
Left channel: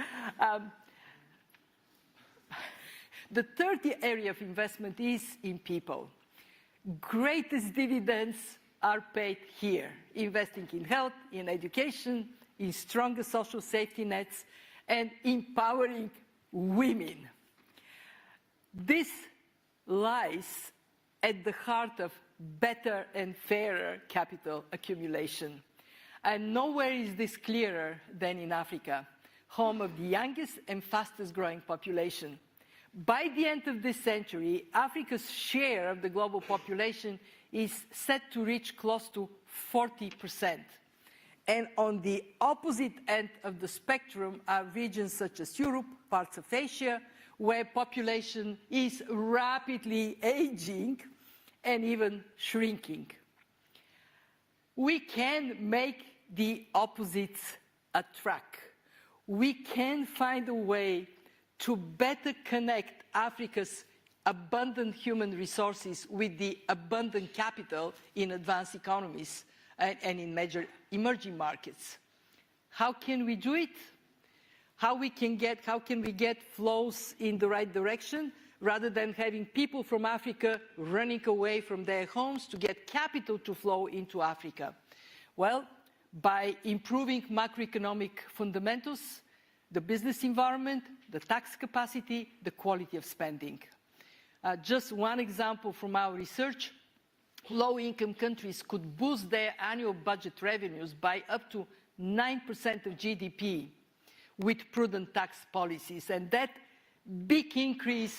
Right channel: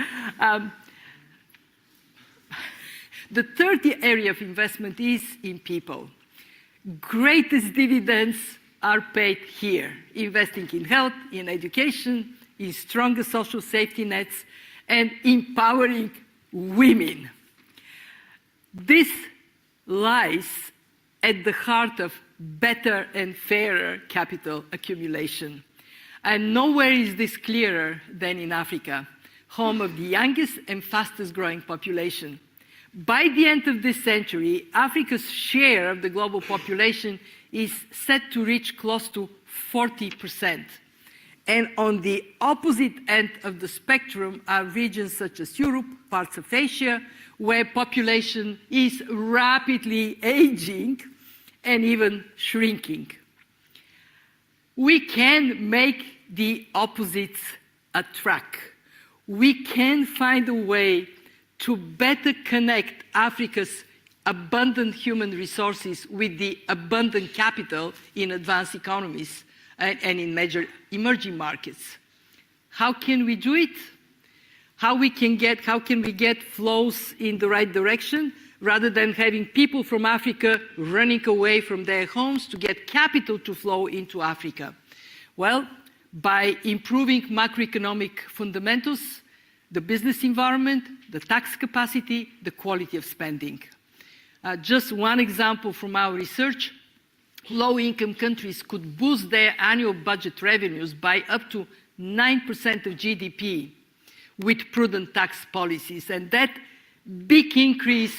The third area of investment is in people. Greatest dividends are paid here, investing in health, in education, in stronger social safety nets, and empowering women. This lies at the heart of better and fairer capital accumulation. And nowhere is this clearer than in Africa, home of the youngest and fastest growing population. By the end of this century, Africa's share of the global population is set to reach close to 40%. And on the opposite end of the spectrum are regions such as Europe, parts of Asia, where population is rapidly aging and even shrinking. We can make the opposites attract. We can find a way to better connect Africa's abundant human resources with the abundant capital in advanced economies and in major emerging markets. How can we do it? How can we get flows in the right direction rather than having people from Africa running away from their homes to get capital to flow into Africa? Well, by improving macroeconomic fundamentals, the business environment, the tax capacity, the quality of spending. Just one example from our research, low-income countries could boost their annual budget revenues by up to 9% of GDP with prudent tax policies. And that big increase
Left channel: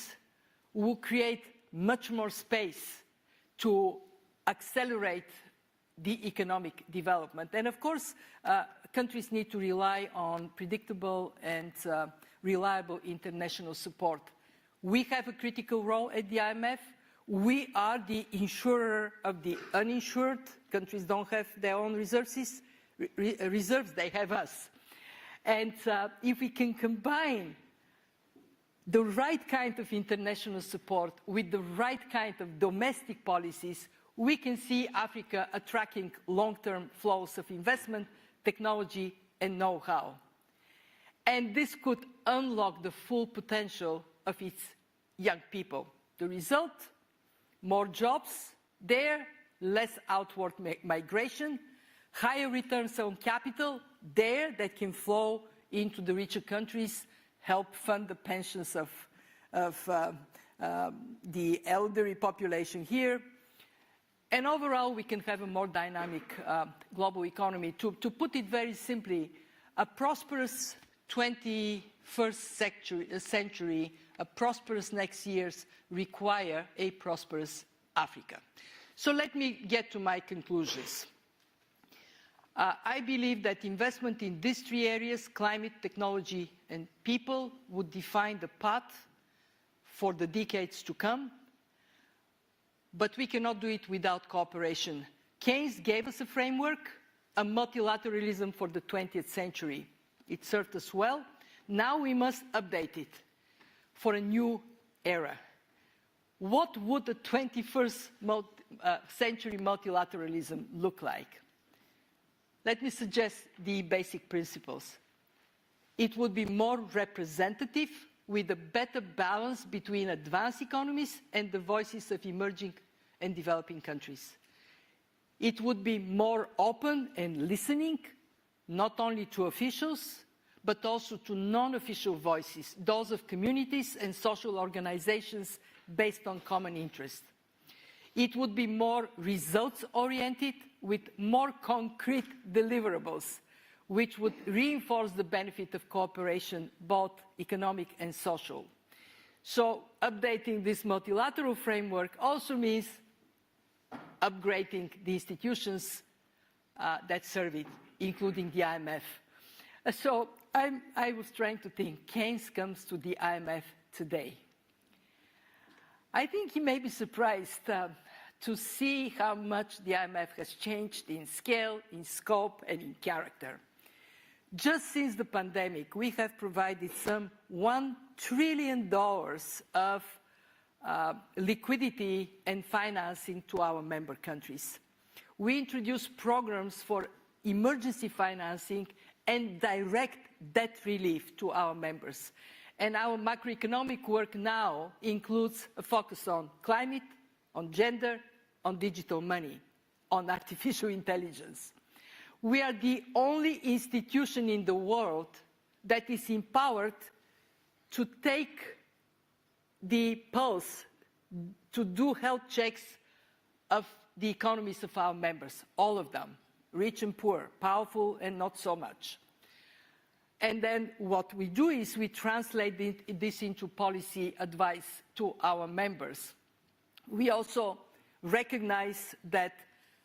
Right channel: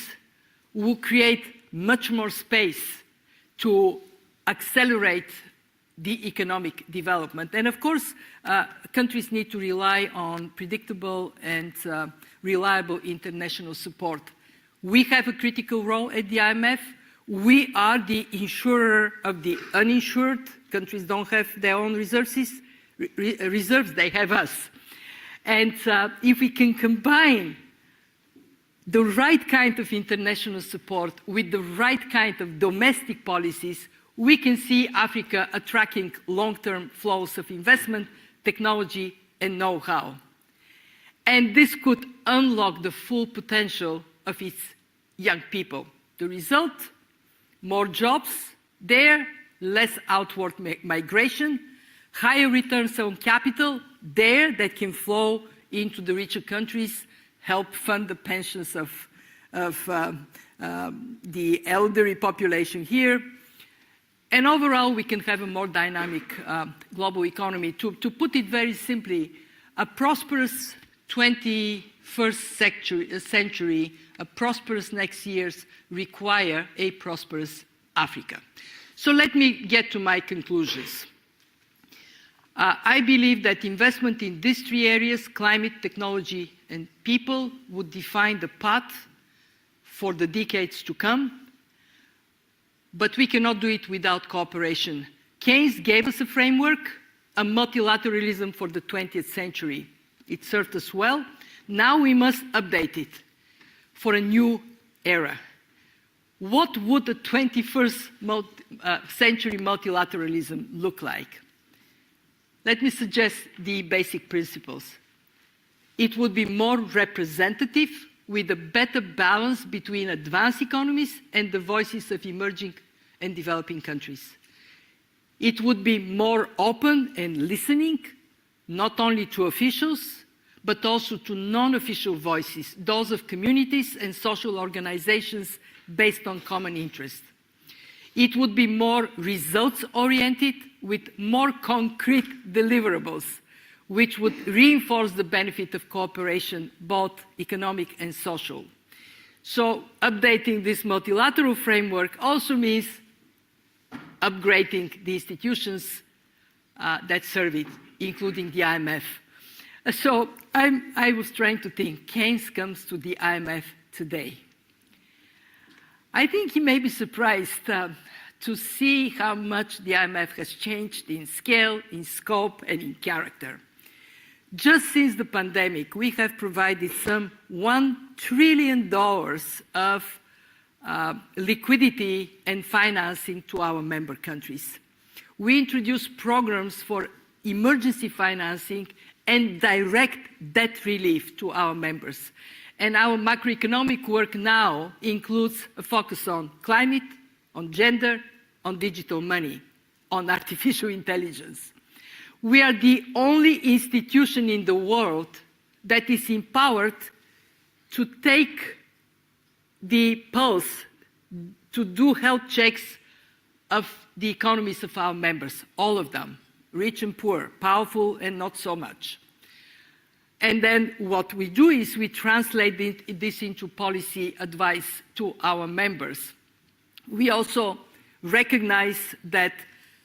will create much more space to accelerate the economic development. And of course, countries need to rely on predictable and reliable international support. We have a critical role at the IMF. We are the insurer of the uninsured. Countries don't have their own reserves, they have us. And if we can combine the right kind of international support with the right kind of domestic policies, we can see Africa attracting long-term flows of investment, technology, and know-how. And this could unlock the full potential of its young people. The result? More jobs there, less outward migration, higher returns on capital there that can flow into the richer countries, help fund the pensions of the elderly population here. And overall, we can have a more dynamic global economy. To put it very simply, a prosperous 21st century, a prosperous next years require a prosperous Africa. So let me get to my conclusions. I believe that investment in these three areas, climate, technology, and people, would define the path for the decades to come. But we cannot do it without cooperation. Keynes gave us a framework, a multilateralism for the 20th century. It served us well. Now we must update it for a new era. What would the 21st century multilateralism look like? Let me suggest the basic principles. It would be more representative with a better balance between advanced economies and the voices of emerging and developing countries. It would be more open and listening, not only to officials, but also to non-official voices, those of communities and social organizations based on common interest. It would be more results-oriented with more concrete deliverables, which would reinforce the benefit of cooperation, both economic and social. So updating this multilateral framework also means upgrading the institutions that serve it, including the IMF. So I was trying to think, Keynes comes to the IMF today. I think he may be surprised to see how much the IMF has changed in scale, in scope, and in character. Just since the pandemic, we have provided some $1 trillion of liquidity and financing to our member countries. We introduced programs for emergency financing and direct debt relief to our members. And our macroeconomic work now includes a focus on climate, on gender, on digital money, on artificial intelligence. We are the only institution in the world that is empowered to take the pulse, to do health checks of the economies of our members, all of them, rich and poor, powerful and not so much. And then what we do is we translate this into policy advice to our members. We also recognize that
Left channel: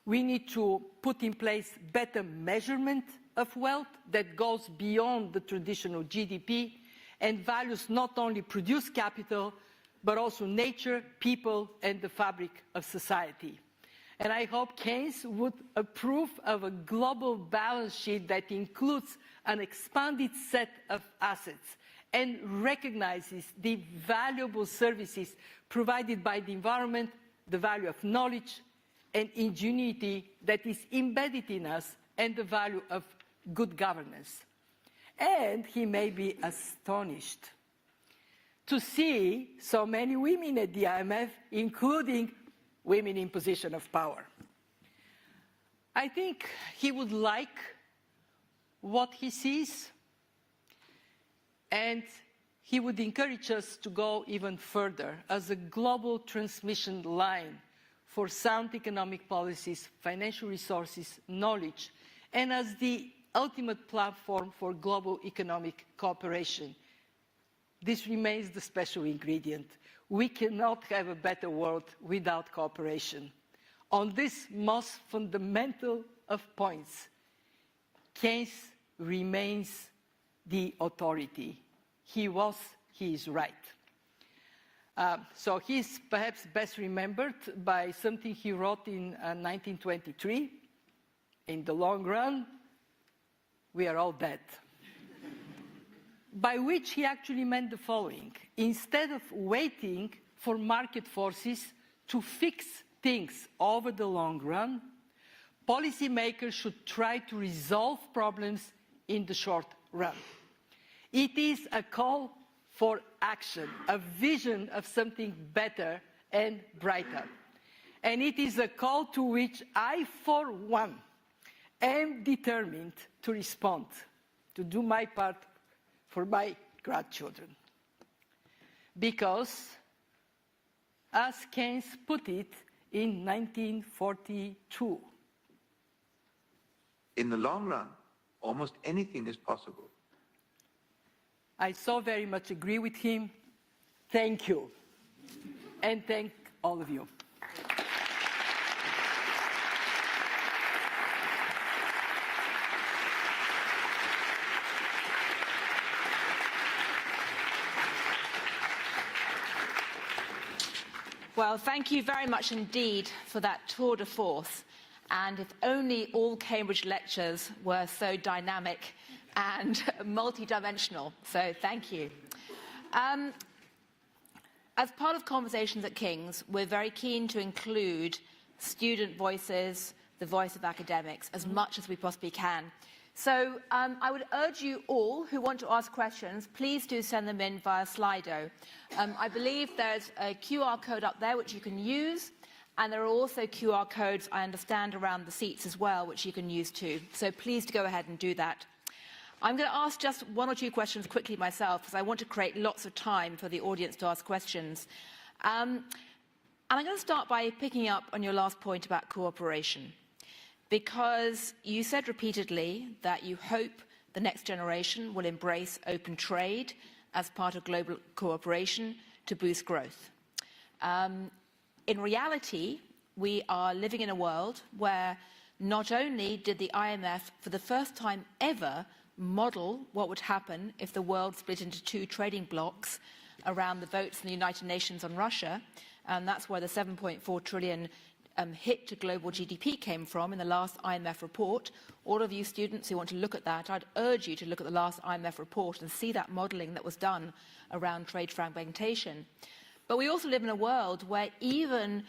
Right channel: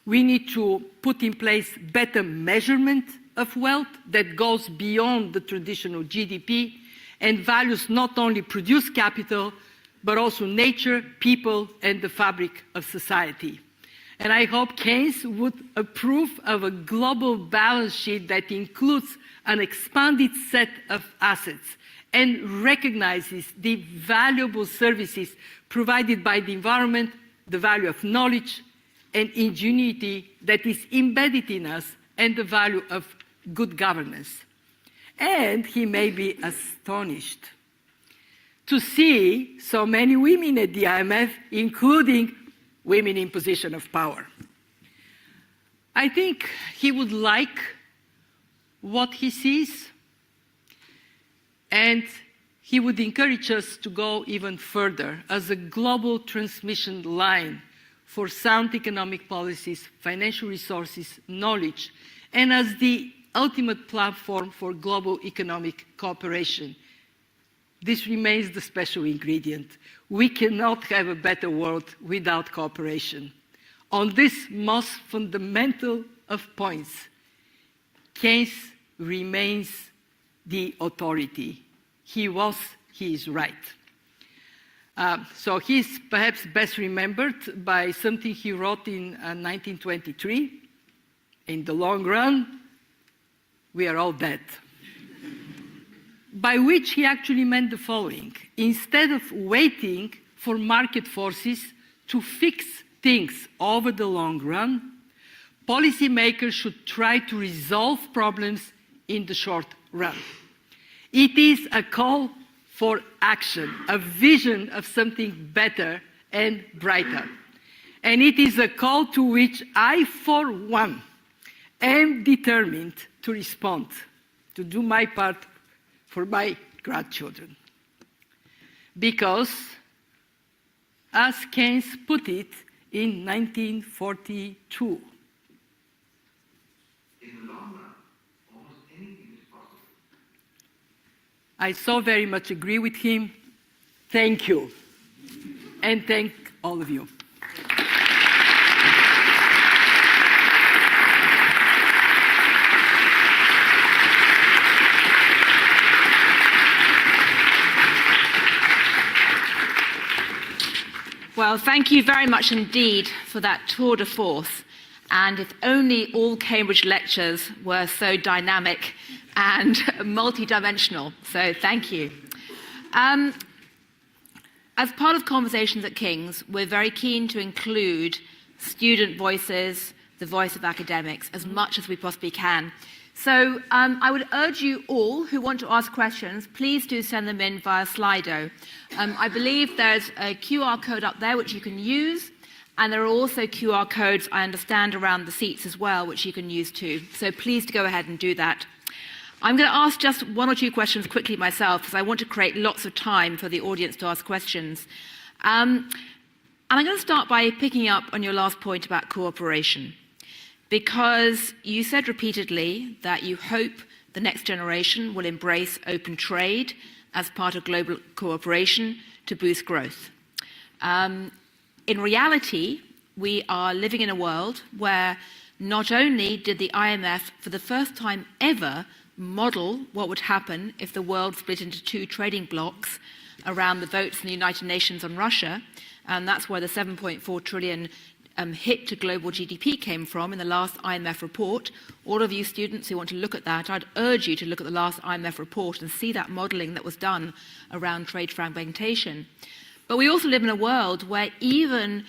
we need to put in place better measurement of wealth that goes beyond the traditional GDP and values not only produce capital, but also nature, people, and the fabric of society. And I hope Keynes would approve of a global balance sheet that includes an expanded set of assets and recognizes the valuable services provided by the environment, the value of knowledge and ingenuity that is embedded in us, and the value of good governance. And he may be astonished to see so many women at the IMF, including women in position of power. I think he would like what he sees, and he would encourage us to go even further as a global transmission line for sound economic policies, financial resources, knowledge, and as the ultimate platform for global economic cooperation. This remains the special ingredient. We cannot have a better world without cooperation. On this most fundamental of points, Keynes remains the authority. He is right. So he's perhaps best remembered by something he wrote in 1923. In the long run, we are all dead. By which he actually meant the following: instead of waiting for market forces to fix things over the long run, policymakers should try to resolve problems in the short run. It is a call for action, a vision of something better and brighter. And it is a call to which I, for one, am determined to respond, to do my part for my grandchildren. Because, as Keynes put it in 1942, in the long run, almost anything is possible. I so very much agree with him. Thank you. And thank all of you. Well, thank you very much indeed for that tour de force. And if only all Cambridge lectures were so dynamic and multidimensional. So thank you. As part of Conversations at King's, we're very keen to include student voices, the voice of academics, as much as we possibly can. So I would urge you all who want to ask questions, please do send them in via Slido. I believe there's a QR code up there which you can use, and there are also QR codes, I understand, around the seats as well, which you can use too. So please go ahead and do that. I'm going to ask just one or two questions quickly myself, because I want to create lots of time for the audience to ask questions. And I'm going to start by picking up on your last point about cooperation, because you said repeatedly that you hope the next generation will embrace open trade as part of global cooperation to boost growth. In reality, we are living in a world where not only did the IMF, for the first time ever, model what would happen if the world split into two trading blocs around the votes in the United Nations on Russia, and that's where the 7.4 trillion hit to global GDP came from in the last IMF report. All of you students who want to look at that, I'd urge you to look at the last IMF report and see that modeling that was done around trade fragmentation. But we also live in a world where even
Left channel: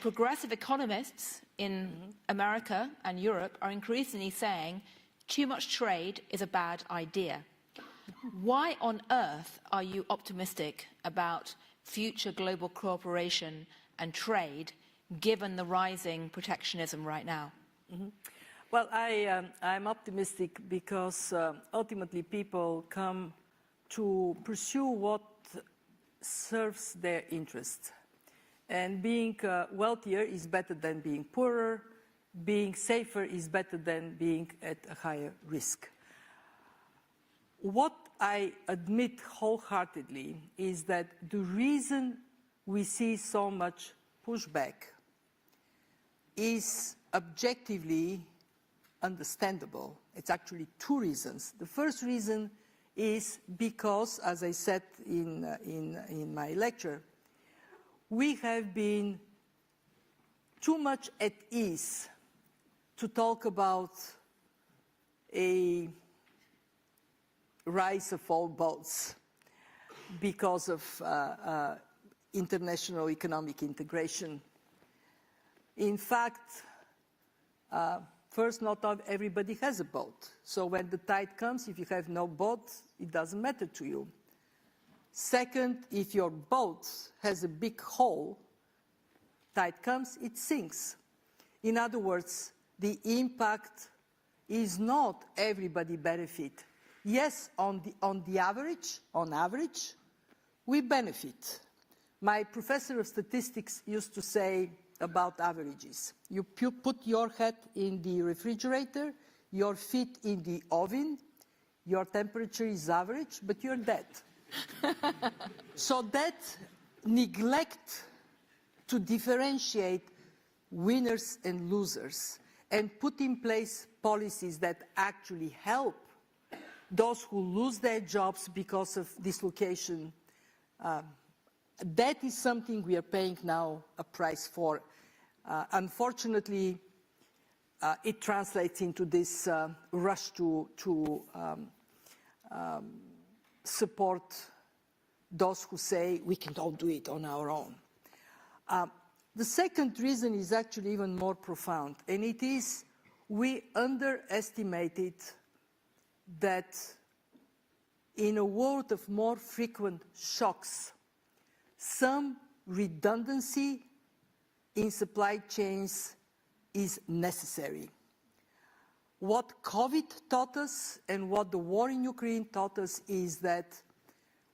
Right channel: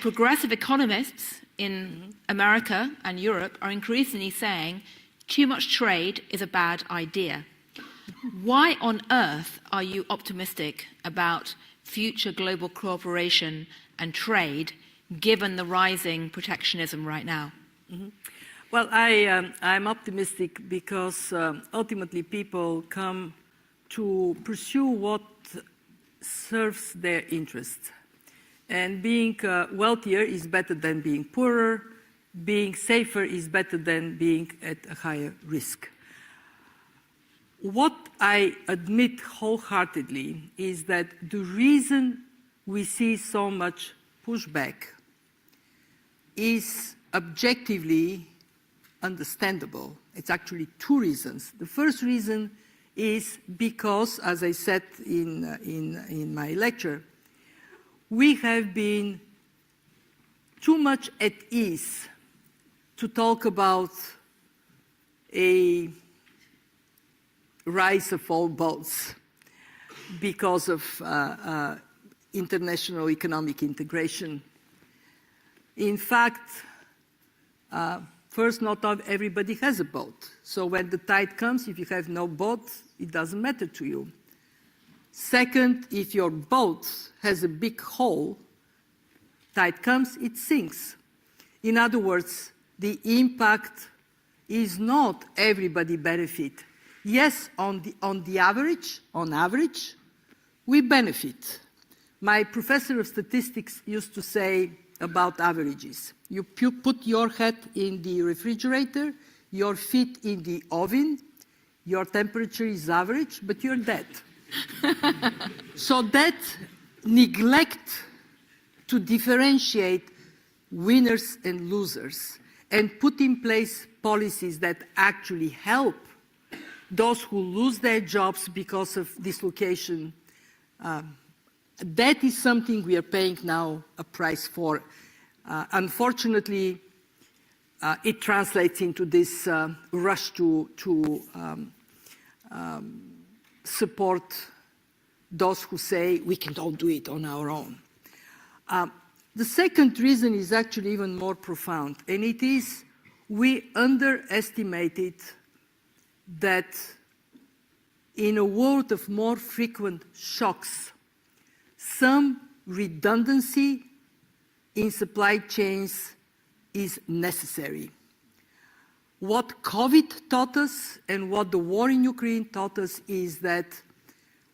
progressive economists in America and Europe are increasingly saying too much trade is a bad idea. Why on earth are you optimistic about future global cooperation and trade, given the rising protectionism right now? Mm-hmm. Well, I'm optimistic because ultimately people come to pursue what serves their interests. And being wealthier is better than being poorer. Being safer is better than being at a higher risk. What I admit wholeheartedly is that the reason we see so much pushback is objectively understandable. It's actually two reasons. The first reason is because, as I said in my lecture, we have been too much at ease to talk about a rise of all boats because of international economic integration. In fact, first, not everybody has a boat. So when the tide comes, if you have no boat, it doesn't matter to you. Second, if your boat has a big hole, tide comes, it sinks. In other words, the impact is not everybody benefit. Yes, on average, we benefit. My professor of statistics used to say about averages. You put your head in the refrigerator, your feet in the oven, your temperature is average, but you're dead. So that neglect to differentiate winners and losers and put in place policies that actually help those who lose their jobs because of dislocation, that is something we are paying now a price for. Unfortunately, it translates into this rush to support those who say we cannot do it on our own. The second reason is actually even more profound, and it is we underestimated that in a world of more frequent shocks, some redundancy in supply chains is necessary. What COVID taught us and what the war in Ukraine taught us is that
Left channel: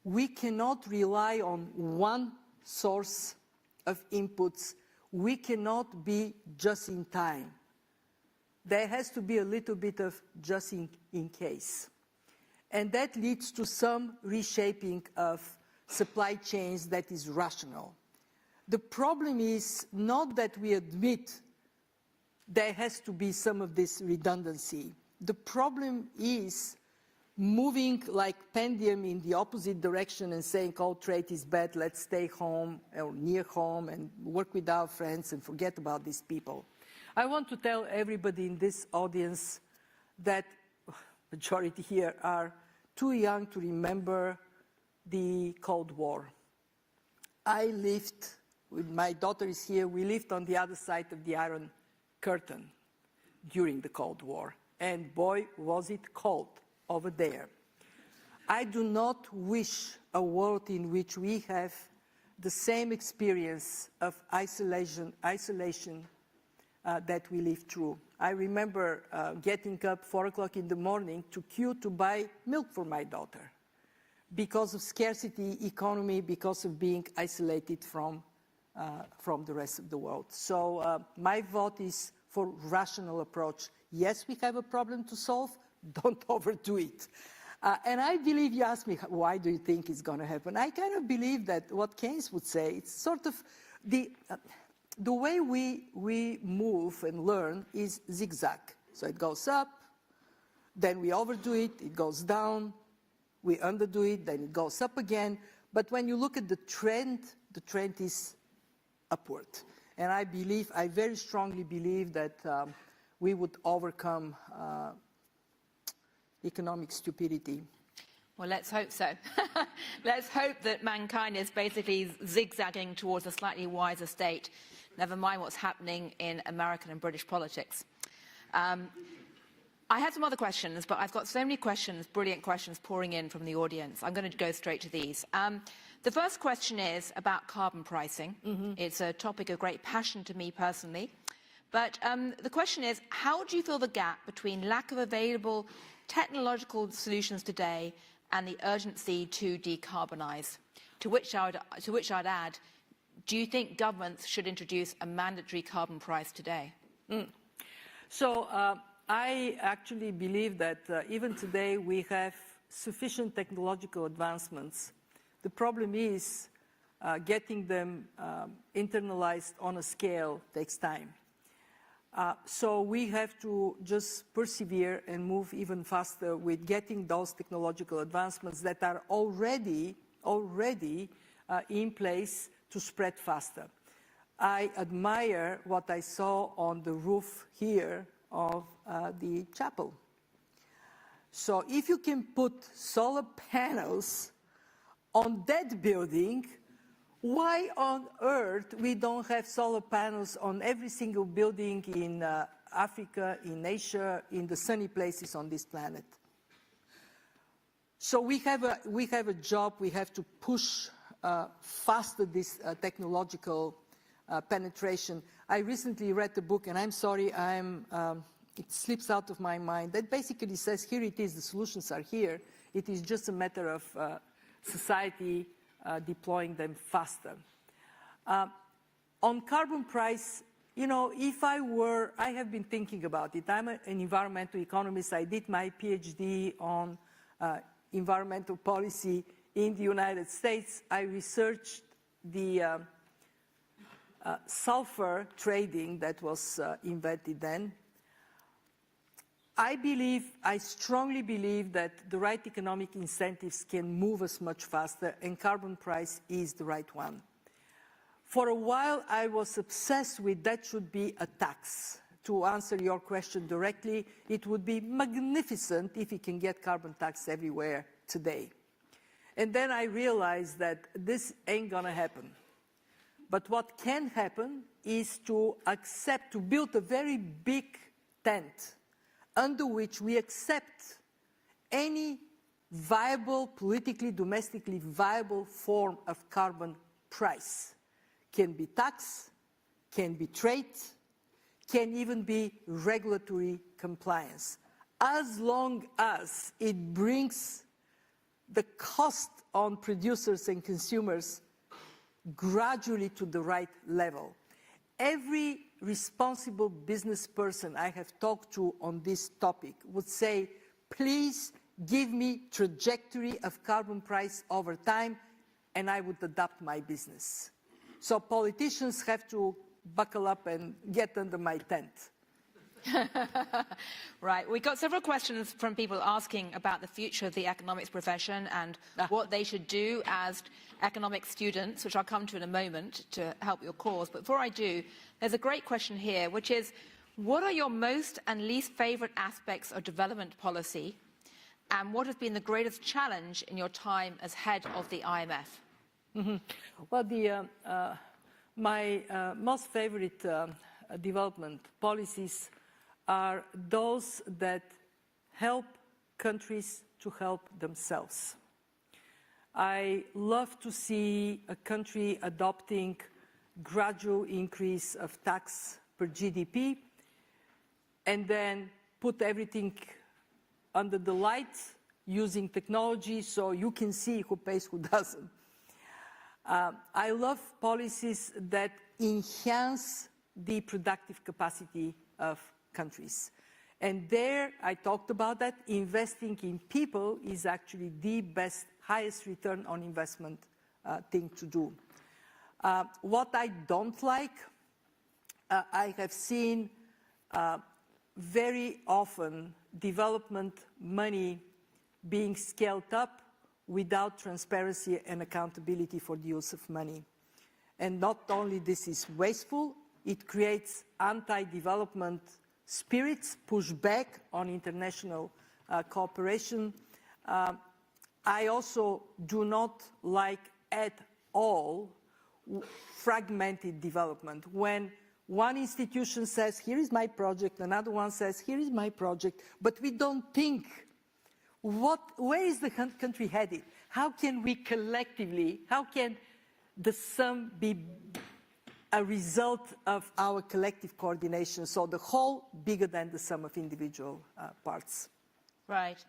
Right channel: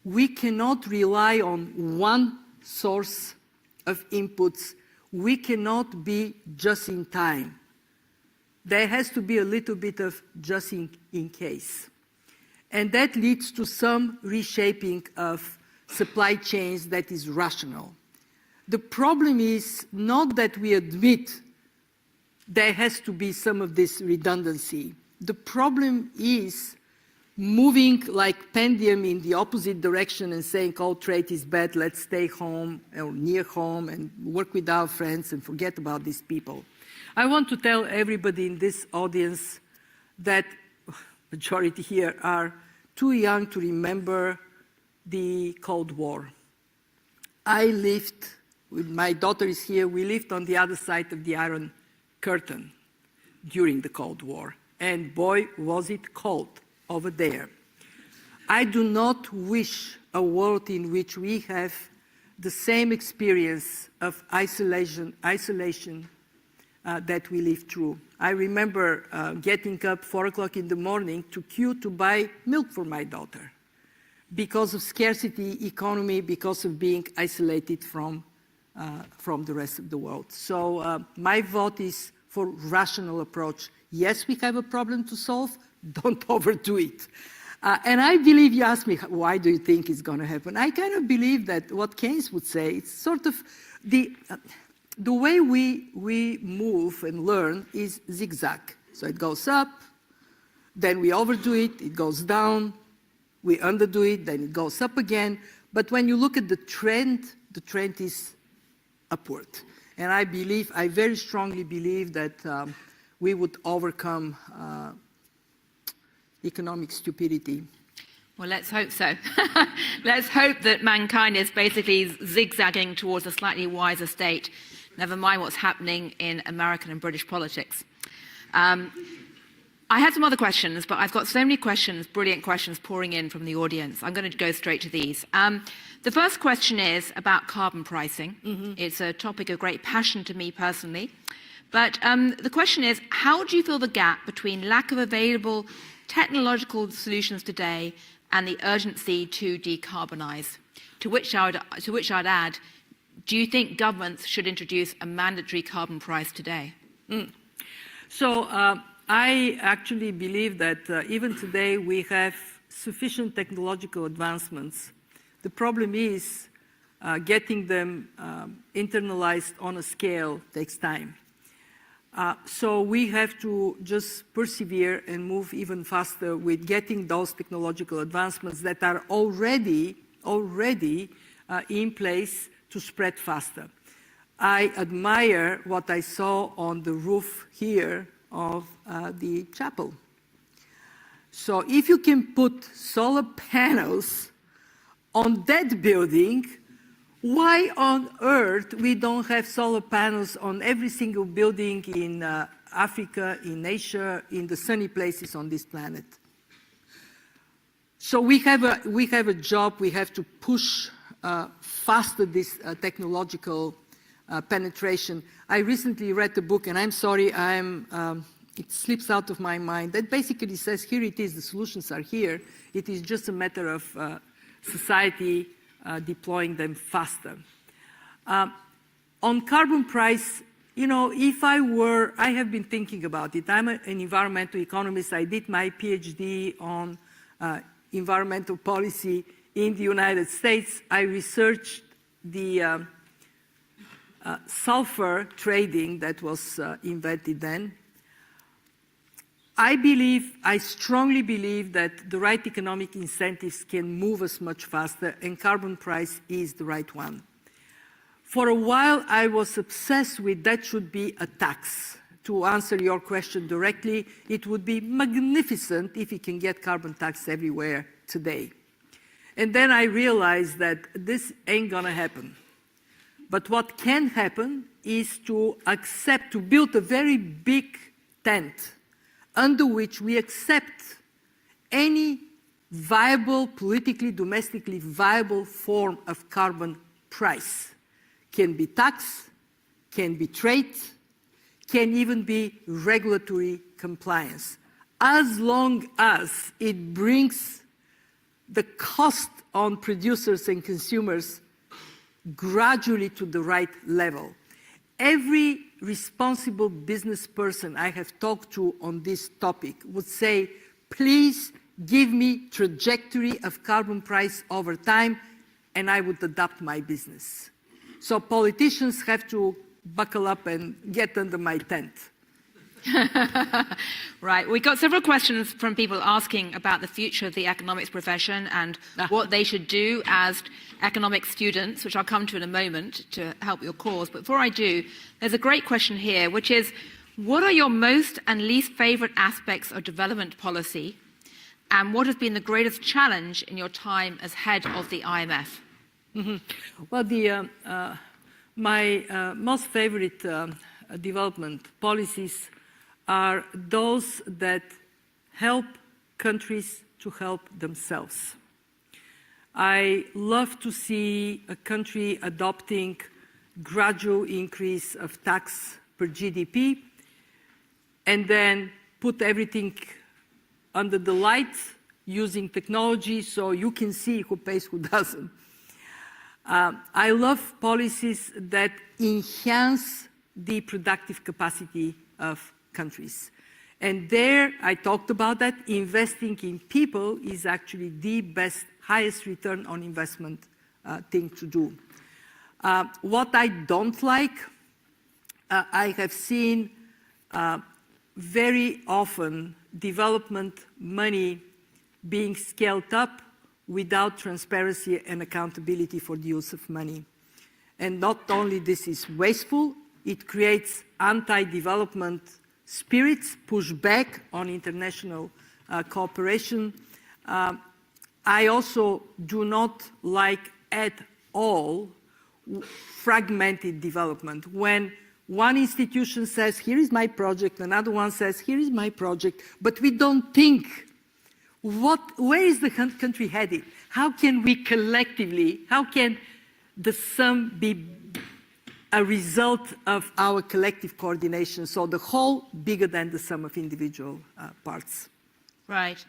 we cannot rely on one source of inputs. We cannot be just in time. There has to be a little bit of just in case. And that leads to some reshaping of supply chains that is rational. The problem is not that we admit there has to be some of this redundancy. The problem is moving like pendulum in the opposite direction and saying, oh, trade is bad, let's stay home or near home and work with our friends and forget about these people. I want to tell everybody in this audience that majority here are too young to remember the Cold War. I lived, with my daughter is here, we lived on the other side of the Iron Curtain during the Cold War. And boy, was it cold over there. I do not wish a world in which we have the same experience of isolation that we lived through. I remember getting up 4 o'clock in the morning to queue to buy milk for my daughter because of scarcity economy, because of being isolated from the rest of the world. So my vote is for rational approach. Yes, we have a problem to solve, don't overdo it. And I believe, you asked me, why do you think it's going to happen? I kind of believe that what Keynes would say, it's sort of the way we move and learn is zigzag. So it goes up, then we overdo it, it goes down, we underdo it, then it goes up again. But when you look at the trend is upward. And I very strongly believe that we would overcome economic stupidity. Well, let's hope so. Let's hope that mankind is basically zigzagging towards a slightly wiser state, never mind what's happening in American and British politics. I had some other questions, but I've got so many questions, brilliant questions pouring in from the audience. I'm going to go straight to these. The first question is about carbon pricing. Mm-hmm. It's a topic of great passion to me personally. But the question is, how do you feel the gap between lack of available technological solutions today and the urgency to decarbonize? To which I'd add, do you think governments should introduce a mandatory carbon price today? So I actually believe that even today we have sufficient technological advancements. The problem is getting them internalized on a scale takes time. So we have to just persevere and move even faster with getting those technological advancements that are already in place to spread faster. I admire what I saw on the roof here of the chapel. So if you can put solar panels on that building, why on earth we don't have solar panels on every single building in Africa, in Asia, in the sunny places on this planet? So we have a job. We have to push faster this technological penetration. I recently read a book, and I'm sorry, it slips out of my mind, that basically says, here it is, the solutions are here. It is just a matter of society deploying them faster. On carbon price, you know, I have been thinking about it. I'm an environmental economist. I did my PhD on environmental policy in the United States. I researched the sulfur trading that was invented then. I strongly believe that the right economic incentives can move us much faster, and carbon price is the right one. For a while, I was obsessed with that should be a tax. To answer your question directly, it would be magnificent if we can get carbon tax everywhere today. And then I realized that this ain't gonna happen. But what can happen is to build a very big tent under which we accept any viable, politically, domestically viable form of carbon price. Can be tax, can be trade, can even be regulatory compliance, as long as it brings the cost on producers and consumers gradually to the right level. Every responsible business person I have talked to on this topic would say, please give me trajectory of carbon price over time, and I would adapt my business. So politicians have to buckle up and get under my tent. Right. We got several questions from people asking about the future of the economics profession and what they should do as economics students, which I'll come to in a moment to help your cause. But before I do, there's a great question here, which is, what are your most and least favorite aspects of development policy, and what has been the greatest challenge in your time as head of the IMF? Mm-hmm. Well, my most favorite development policies are those that help countries to help themselves. I love to see a country adopting gradual increase of tax per GDP and then put everything under the light using technology so you can see who pays, who doesn't. I love policies that enhance the productive capacity of countries. And there, I talked about that, investing in people is actually the best, highest return on investment thing to do. What I don't like, I have seen very often development money being scaled up without transparency and accountability for the use of money. And not only this is wasteful, it creates anti-development spirits, push back on international cooperation. I also do not like at all fragmented development. When one institution says, here is my project, another one says, here is my project, but we don't think, where is the country headed? How can we collectively, how can the sum be a result of our collective coordination? So the whole bigger than the sum of individual parts. Right.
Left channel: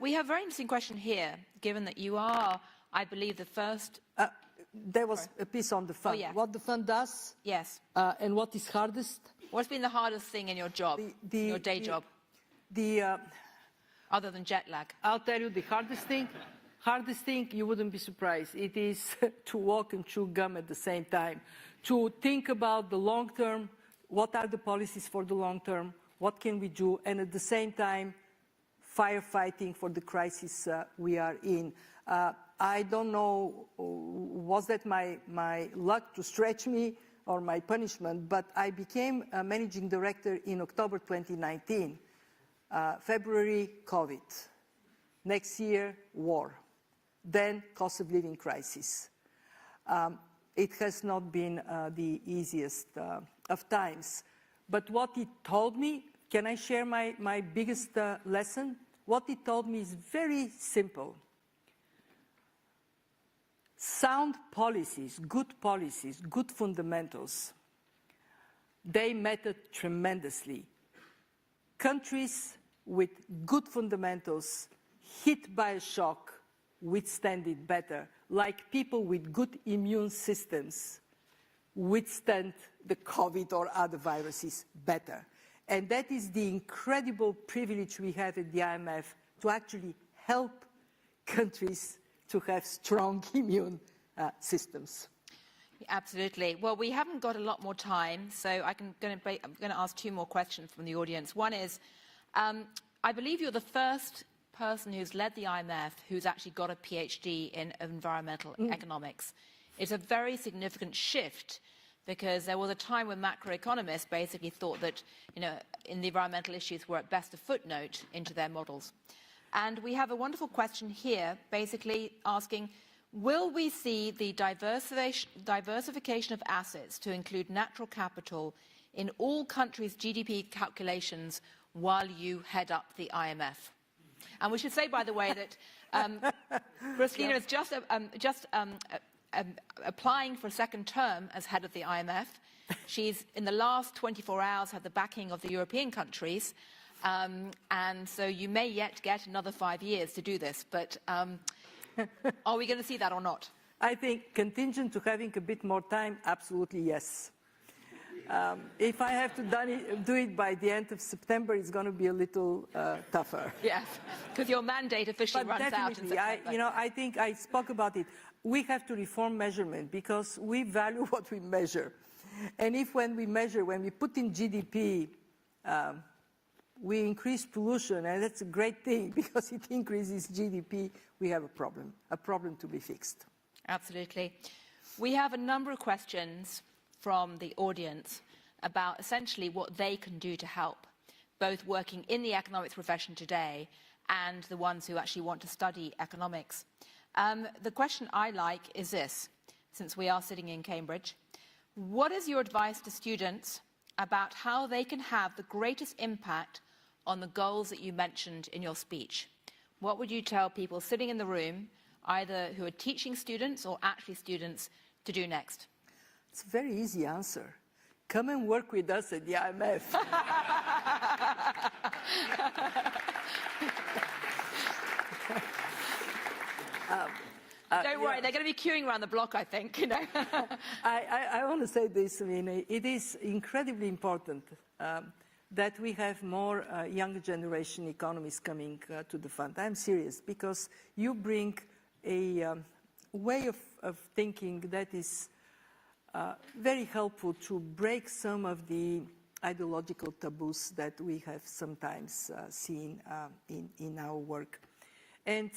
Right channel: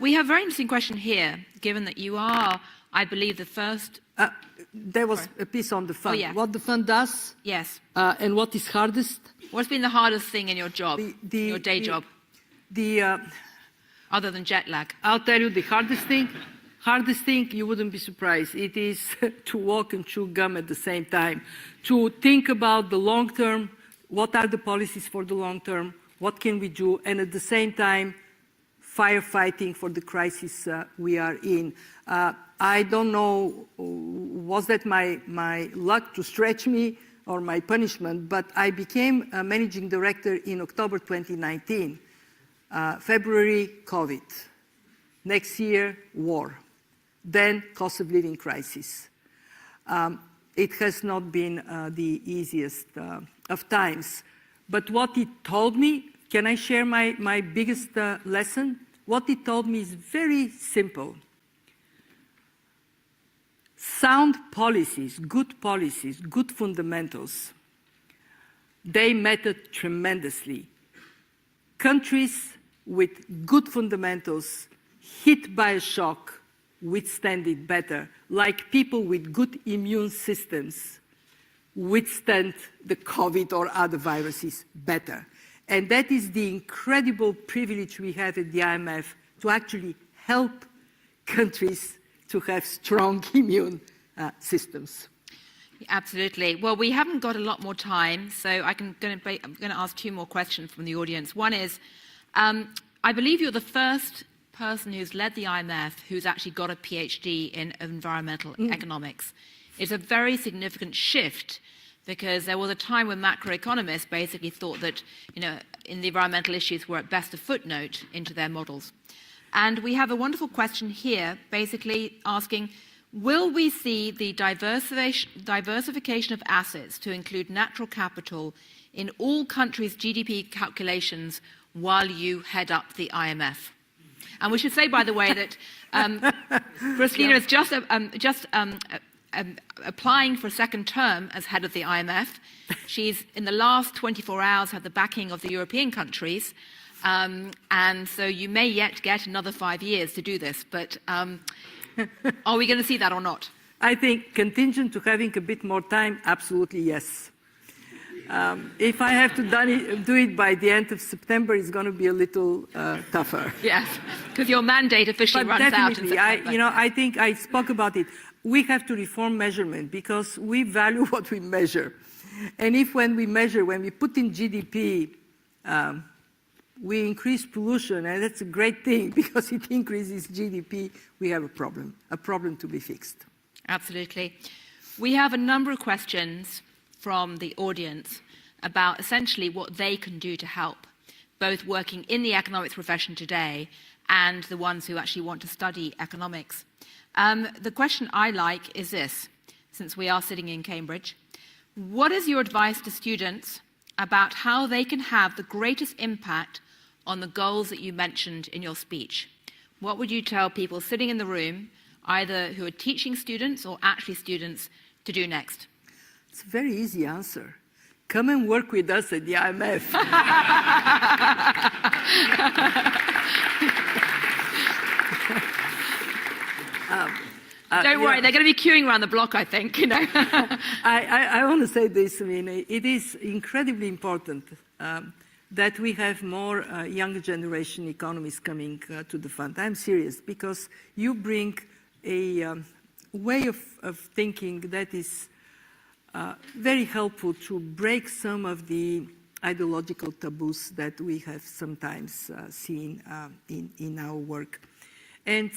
We have a very interesting question here, given that you are, I believe, the first... There was a piece on the fund. Oh, yeah. What the fund does, yes, and what is hardest. What's been the hardest thing in your job, your day job? Other than jet lag. I'll tell you the hardest thing, you wouldn't be surprised. It is to walk and chew gum at the same time. To think about the long term, what are the policies for the long term, what can we do, and at the same time, firefighting for the crisis we are in. I don't know, was that my luck to stretch me or my punishment, but I became a managing director in October 2019. February, COVID. Next year, war. Then cost of living crisis. It has not been the easiest of times. But what it told me, can I share my biggest lesson? What it told me is very simple. Sound policies, good fundamentals, they mattered tremendously. Countries with good fundamentals hit by a shock withstand it better, like people with good immune systems withstand the COVID or other viruses better. And that is the incredible privilege we have at the IMF to actually help countries to have strong immune systems. Absolutely. Well, we haven't got a lot more time, so I'm going to ask two more questions from the audience. One is, I believe you're the first person who's led the IMF who's actually got a PhD in environmental economics. It's a very significant shift, because there was a time when macroeconomists basically thought that, in the environmental issues were at best a footnote into their models. And we have a wonderful question here, basically asking, will we see the diversification of assets to include natural capital in all countries' GDP calculations while you head up the IMF? And we should say, by the way, that Kristalina is just applying for a second term as head of the IMF. She's, in the last 24 hours, had the backing of the European countries. And so you may yet get another 5 years to do this. But are we going to see that or not? I think contingent to having a bit more time, absolutely yes. If I have to do it by the end of September, it's going to be a little tougher. Yes, because your mandate officially runs out in September. I think I spoke about it. We have to reform measurement because we value what we measure. And if when we measure, when we put in GDP, we increase pollution, and that's a great thing because it increases GDP, we have a problem to be fixed. Absolutely. We have a number of questions from the audience about essentially what they can do to help, both working in the economics profession today and the ones who actually want to study economics. The question I like is this, since we are sitting in Cambridge. What is your advice to students about how they can have the greatest impact on the goals that you mentioned in your speech? What would you tell people sitting in the room, either who are teaching students or actually students, to do next? It's a very easy answer. Come and work with us at the IMF. Don't worry, they're going to be queuing around the block, I think. I want to say this. I mean, it is incredibly important that we have more younger generation economists coming to the fund. I'm serious, because you bring a way of thinking that is very helpful to break some of the ideological taboos that we have sometimes seen in our work. And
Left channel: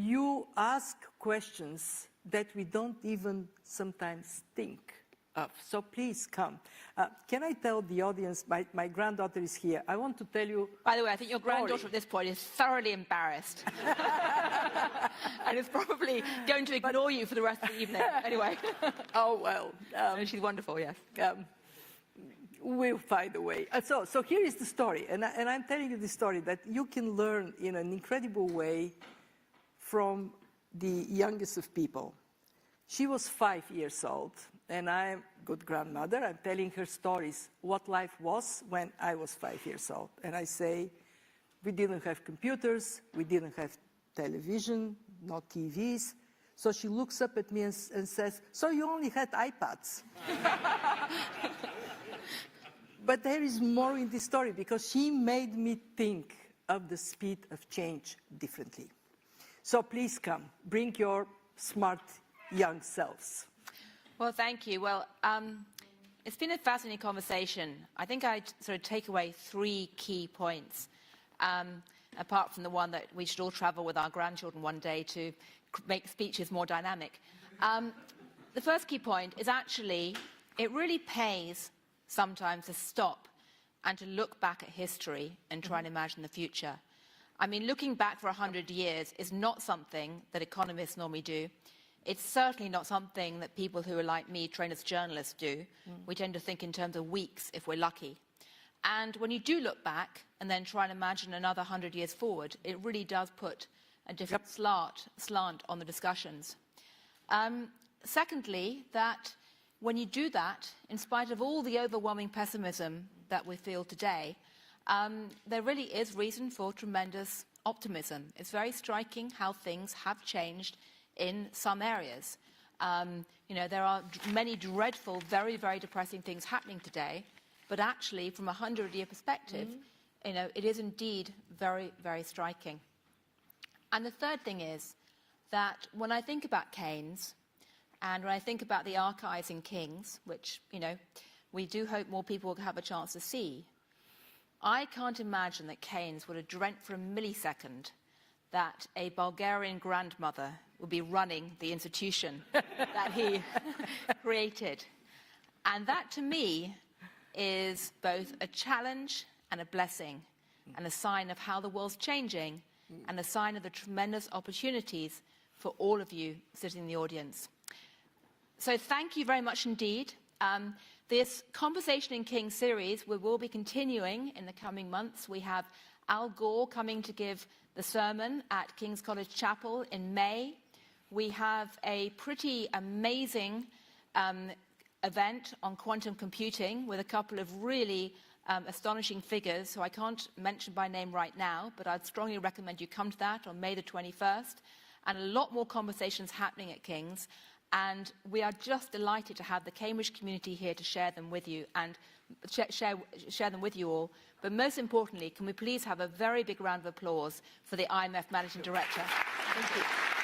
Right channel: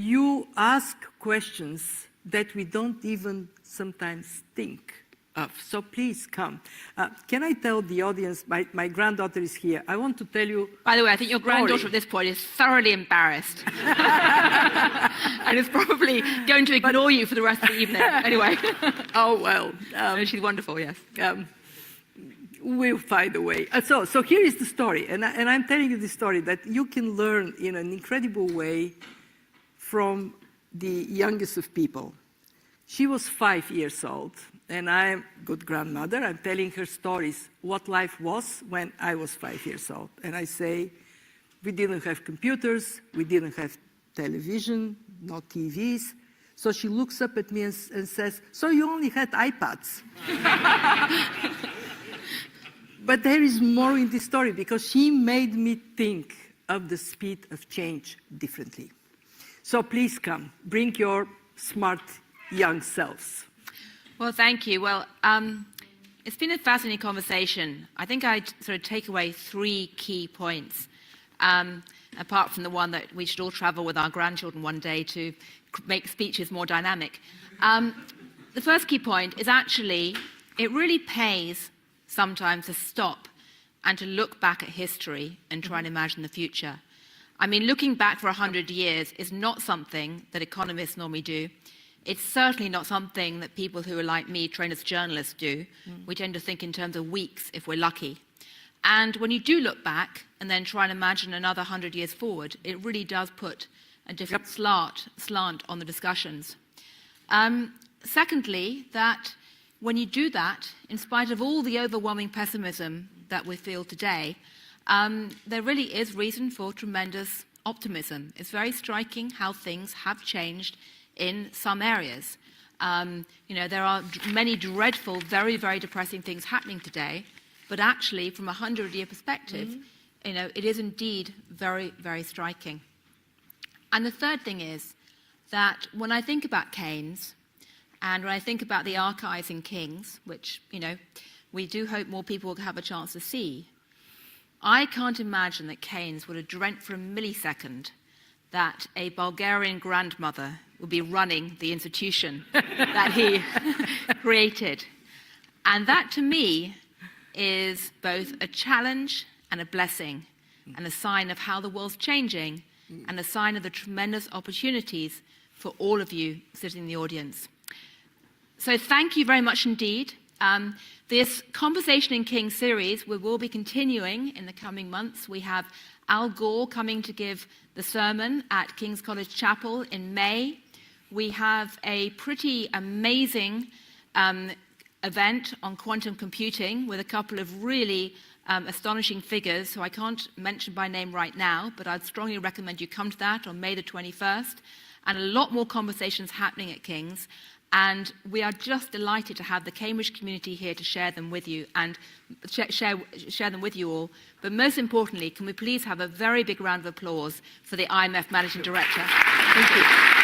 you ask questions that we don't even sometimes think of. So please come. Can I tell the audience, my granddaughter is here. I want to tell you. By the way, I think your granddaughter at this point is thoroughly embarrassed. And is probably going to ignore you for the rest of the evening. Anyway. Oh, well. She's wonderful, yes. We'll find a way. So here is the story. And I'm telling you the story that you can learn in an incredible way from the youngest of people. She was 5 years old, and I'm a good grandmother. I'm telling her stories, what life was when I was 5 years old. And I say, we didn't have computers, we didn't have television, no TVs. So she looks up at me and says, so you only had iPads. But there is more in this story, because she made me think of the speed of change differently. So please come, bring your smart young selves. Well, thank you. Well, It's been a fascinating conversation. I think I'd sort of take away 3 key points, apart from the one that we should all travel with our grandchildren one day to make speeches more dynamic. The first key point is actually, it really pays sometimes to stop and to look back at history and try and imagine the future. I mean, looking back for 100 years is not something that economists normally do. It's certainly not something that people who are like me, trained as journalists, do. We tend to think in terms of weeks if we're lucky. And when you do look back and then try and imagine another 100 years forward, it really does put a different slant on the discussions. Secondly, that when you do that, in spite of all the overwhelming pessimism that we feel today, there really is reason for tremendous optimism. It's very striking how things have changed in some areas. There are many dreadful, very, very depressing things happening today, but actually, from a 100-year perspective, it is indeed very, very striking. And the third thing is that when I think about Keynes, and when I think about the archives in King's, which, we do hope more people will have a chance to see, I can't imagine that Keynes would have dreamt for a millisecond that a Bulgarian grandmother would be running the institution that he created. And that, to me, is both a challenge and a blessing, and a sign of how the world's changing, and a sign of the tremendous opportunities for all of you sitting in the audience. So thank you very much indeed. This Conversation in King series, we will be continuing in the coming months. We have Al Gore coming to give the sermon at King's College Chapel in May. We have a pretty amazing event on quantum computing with a couple of really astonishing figures who I can't mention by name right now, but I'd strongly recommend you come to that on May the 21st. And a lot more conversations happening at King's. And we are just delighted to have the Cambridge community here to share them with you and share them with you all. But most importantly, can we please have a very big round of applause for the IMF Managing Director? Thank you.